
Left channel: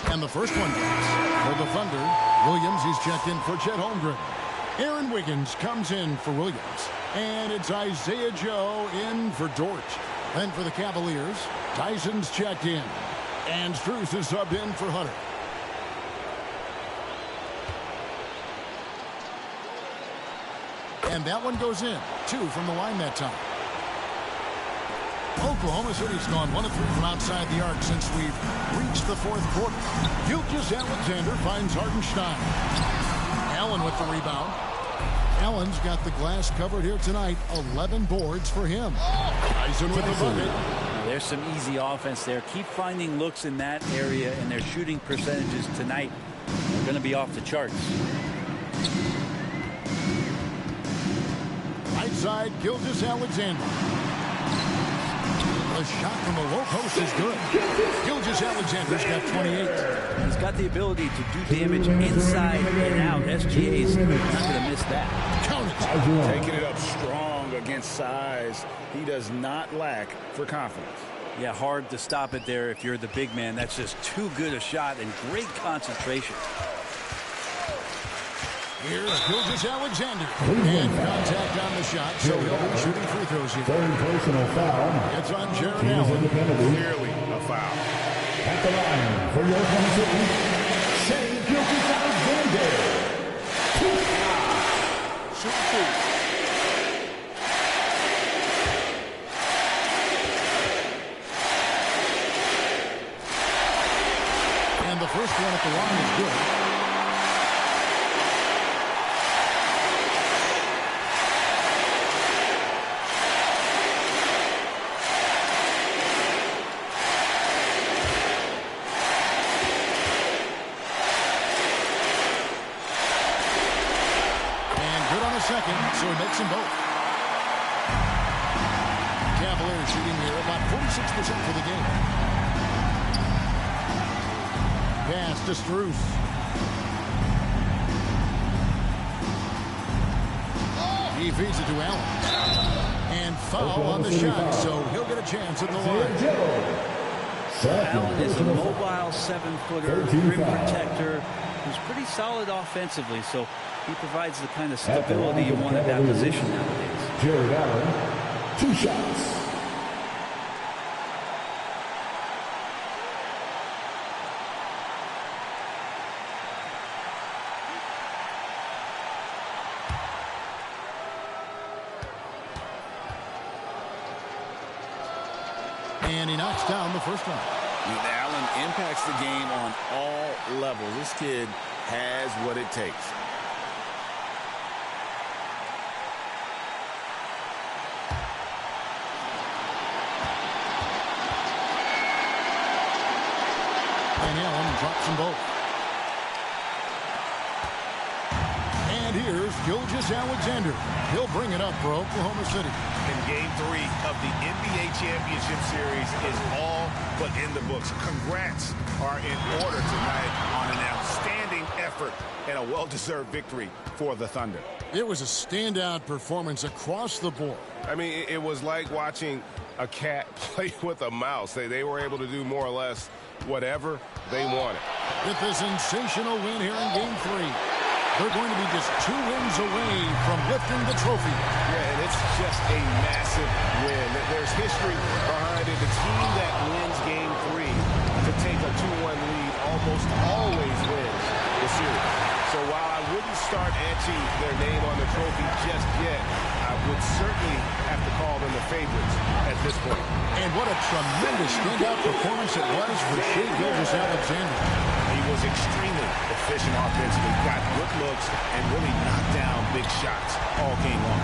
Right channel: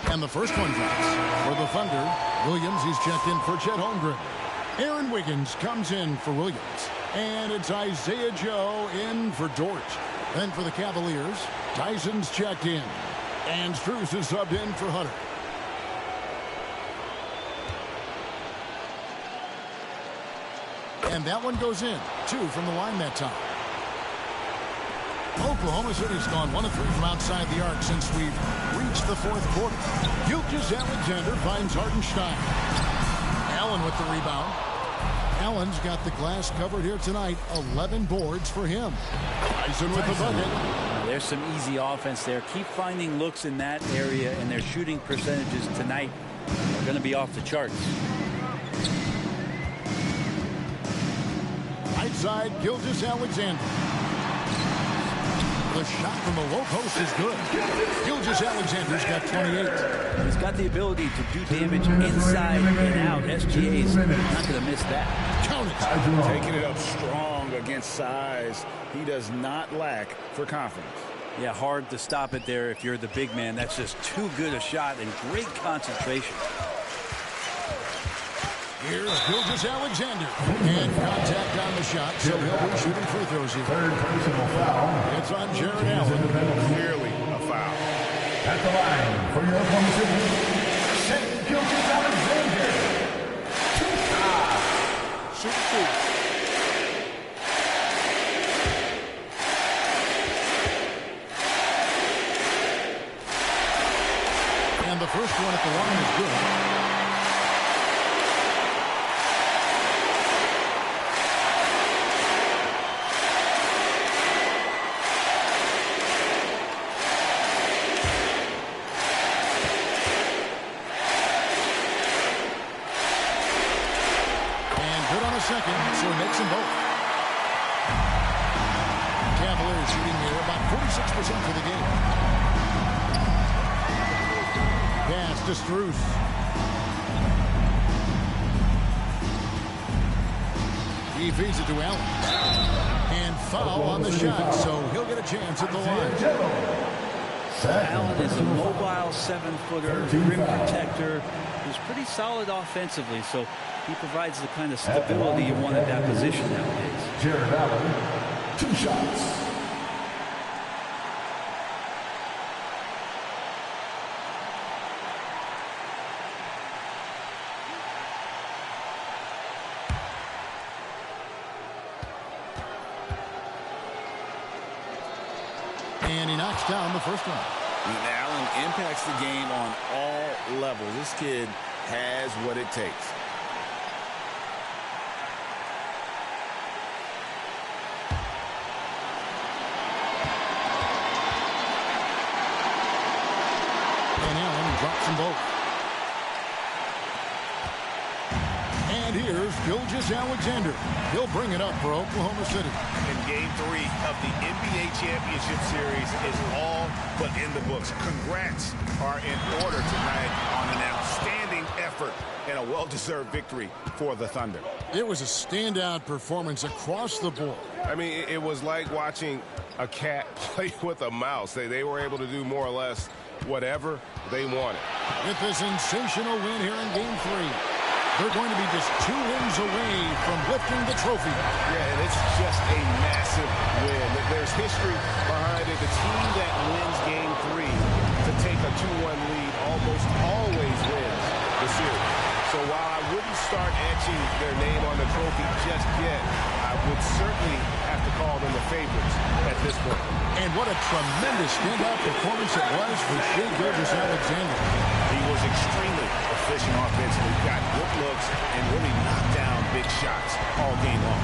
And the first one drops for the Thunder. Williams, he's checked in for Chet Holmgren. Aaron Wiggins comes in for Williams. And it's Isaiah Joe in for Dort. Then for the Cavaliers, Tyson's checked in. And Strus is subbed in for Hunter. And that one goes in. 2 from the line that time. Oklahoma City's gone 1 of 3 from outside the arc since we've reached the fourth quarter. Gilgeous-Alexander finds Hartenstein. Allen with the rebound. Allen's got the glass covered here tonight. 11 boards for him. Tyson with the bucket. Now, there's some easy offense there. Keep finding looks in that area, and their shooting percentages tonight are going to be off the charts. Right side, Gilgeous-Alexander. The shot from the low post is good. Gilgeous-Alexander's got 28. He's got the ability to do damage inside and out. SGA's not going to miss that. Count it. Taking it up strong against size. He does not lack for confidence. Yeah, hard to stop it there if you're the big man. That's just too good a shot and great concentration. Here's Gilgeous-Alexander. And contact on the shot, so he'll be shooting free throws here. Third personal foul. It's on Jared Allen. Clearly a foul. At the line for your Oklahoma City, Shai Gilgeous-Alexander. 2 shots. Shoot 2. And the first one at the line is good. Second, so he makes them both. Cavaliers shooting here about 46% for the game. Pass to Strus. He feeds it to Allen. And foul on the shot, so he'll get a chance at the line. Allen is a mobile 7-footer, rim protector, who's pretty solid offensively, so he provides the kind of stability you want at that position nowadays. Jared Allen, 2 shots. And he knocks down the first one. And Allen impacts the game on all levels. This kid has what it takes. And Allen drops them both. And here's Gilgeous-Alexander. He'll bring it up for Oklahoma City. And Game 3 of the NBA Championship Series is all but in the books. Congrats are in order tonight on an outstanding effort and a well-deserved victory for the Thunder. It was a standout performance across the board. I mean, it was like watching a cat play with a mouse. They were able to do more or less whatever they wanted. With a sensational win here in Game 3, they're going to be just 2 wins away from lifting the trophy. Yeah, and it's just a massive win. There's history behind it. The team that wins Game 3 to take a 2-1 lead almost always wins the series. So while I wouldn't start etching their name on the trophy just yet, I would certainly have to call them the favorites at this point. And what a tremendous standout performance it was for Shai Gilgeous-Alexander. He was extremely efficient offensively, got good looks, and really knocked down big shots all game long.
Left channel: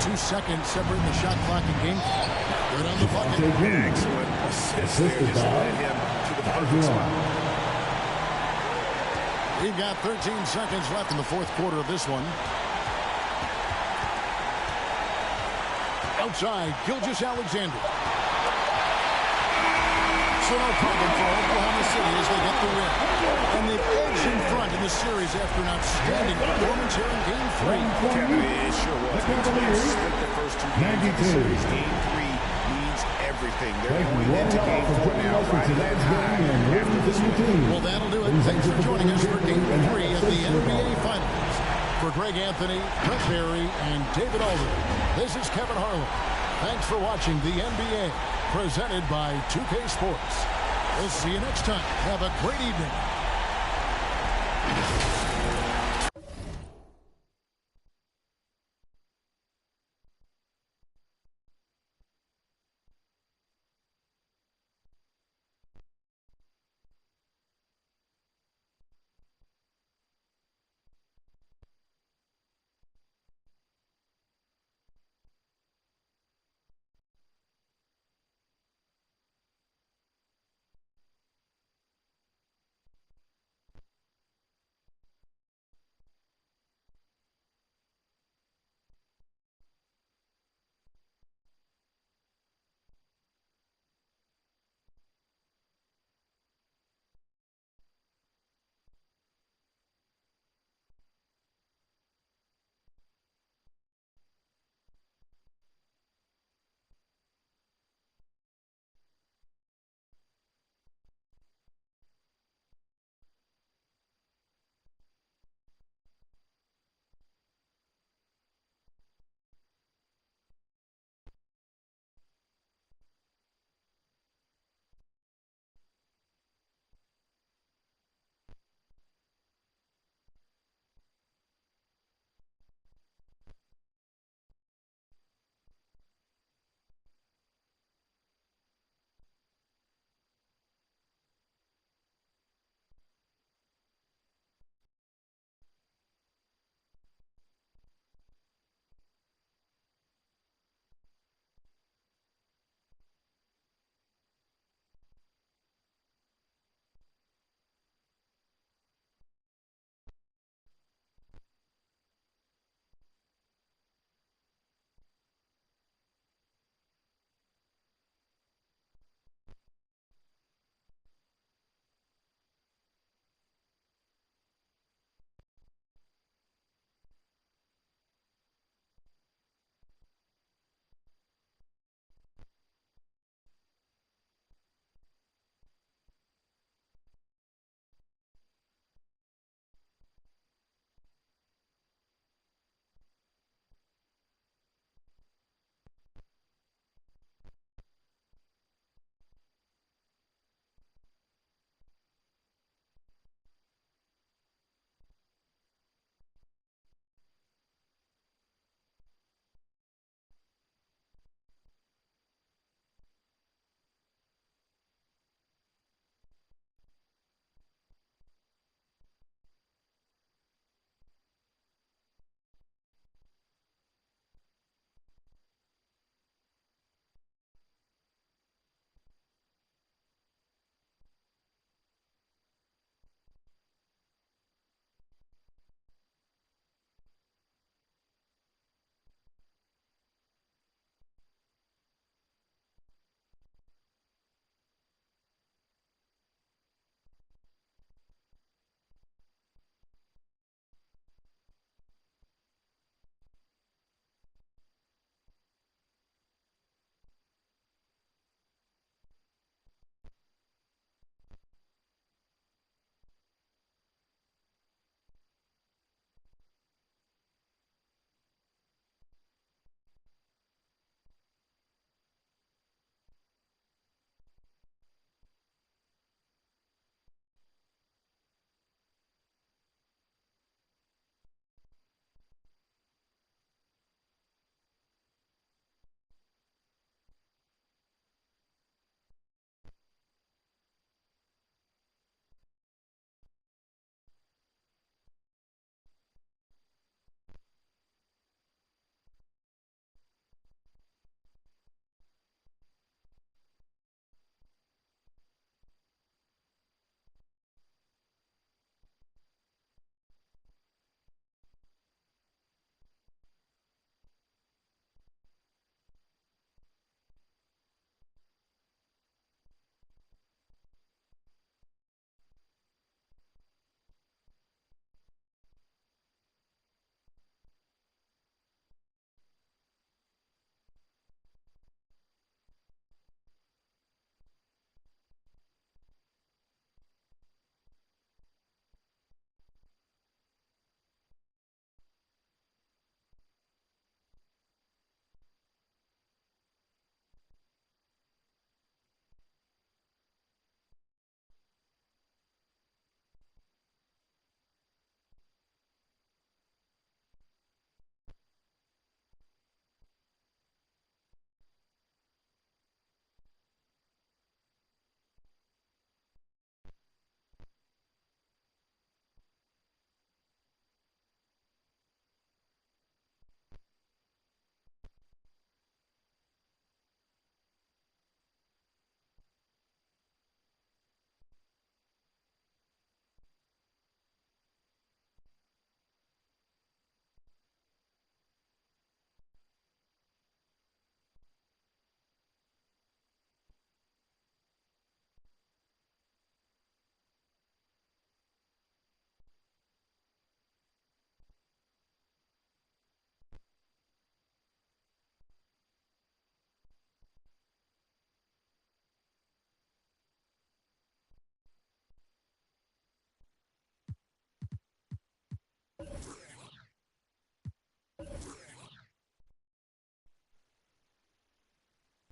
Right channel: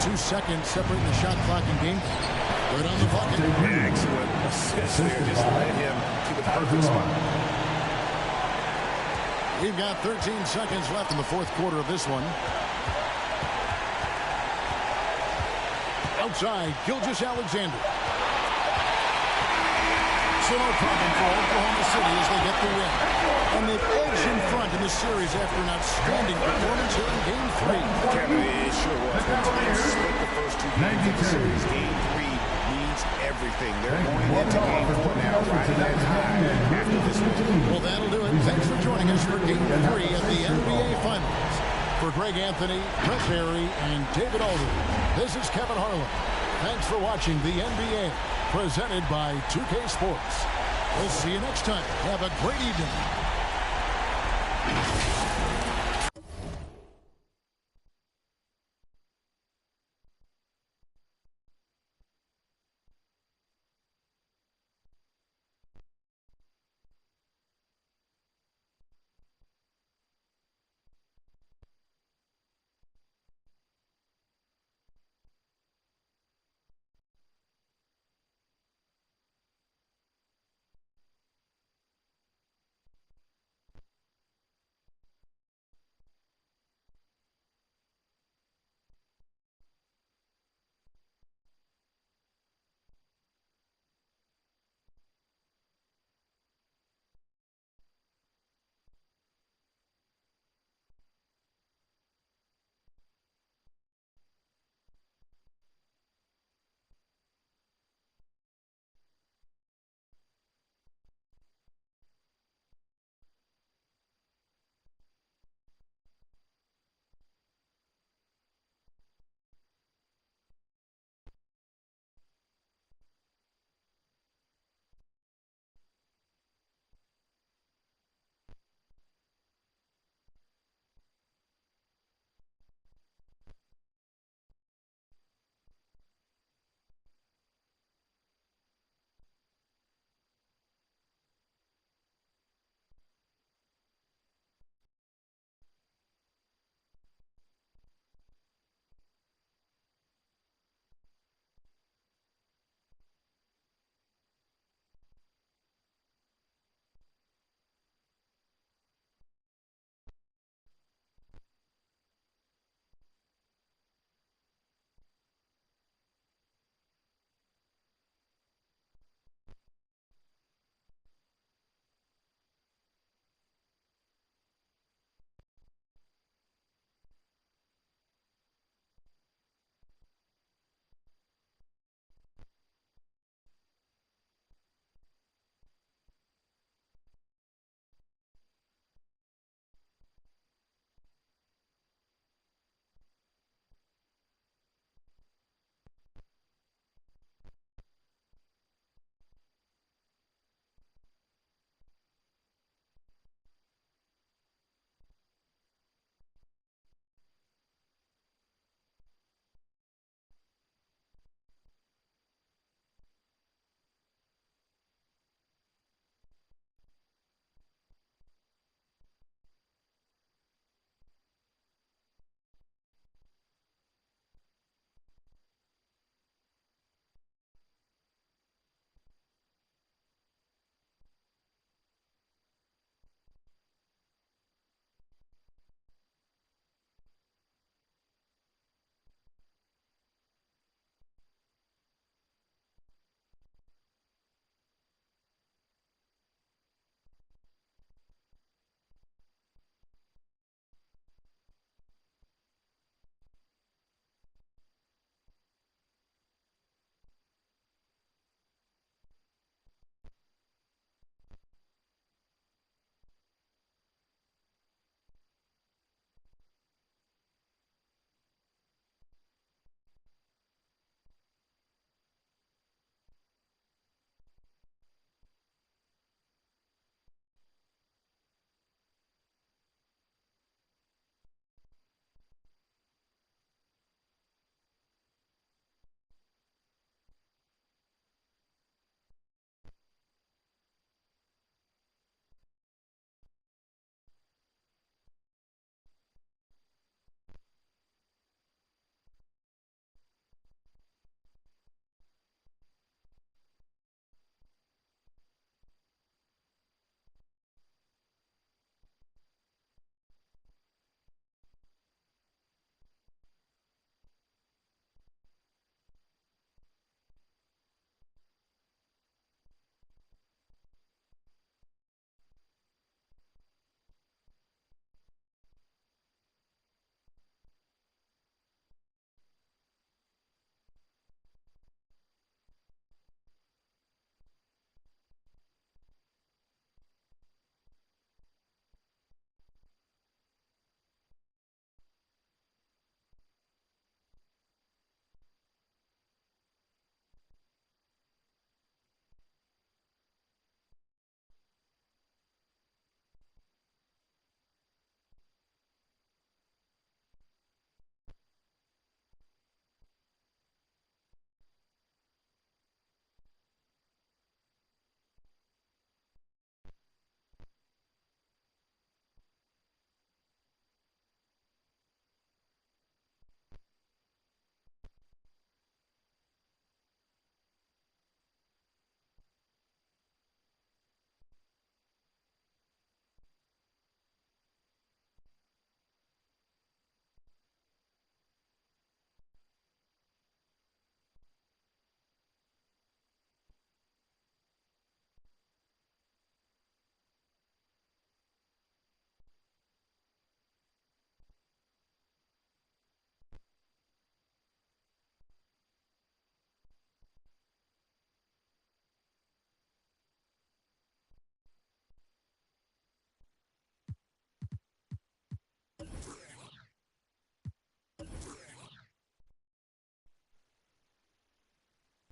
2 seconds separating the shot clock and game clock. Good on the bucket. Excellent assist there, just led him to the perfect spot. We've got 13 seconds left in the fourth quarter of this one. Outside, Gilgeous-Alexander. So no problem for Oklahoma City as they get the win. And they've edged in front in the series after an outstanding performance here in Game 3. Kevin, it sure was. The Cavaliers split the first 2 games of the series. Game 3 means everything. They're going into Game 4 now, riding that high after this win. Well, that'll do it. Thanks for joining us for Game 3 of the NBA Finals. For Greg Anthony, Brett Barry, and David Aldridge, this is Kevin Harlan. Thanks for watching the NBA, presented by 2K Sports. We'll see you next time. Have a great evening.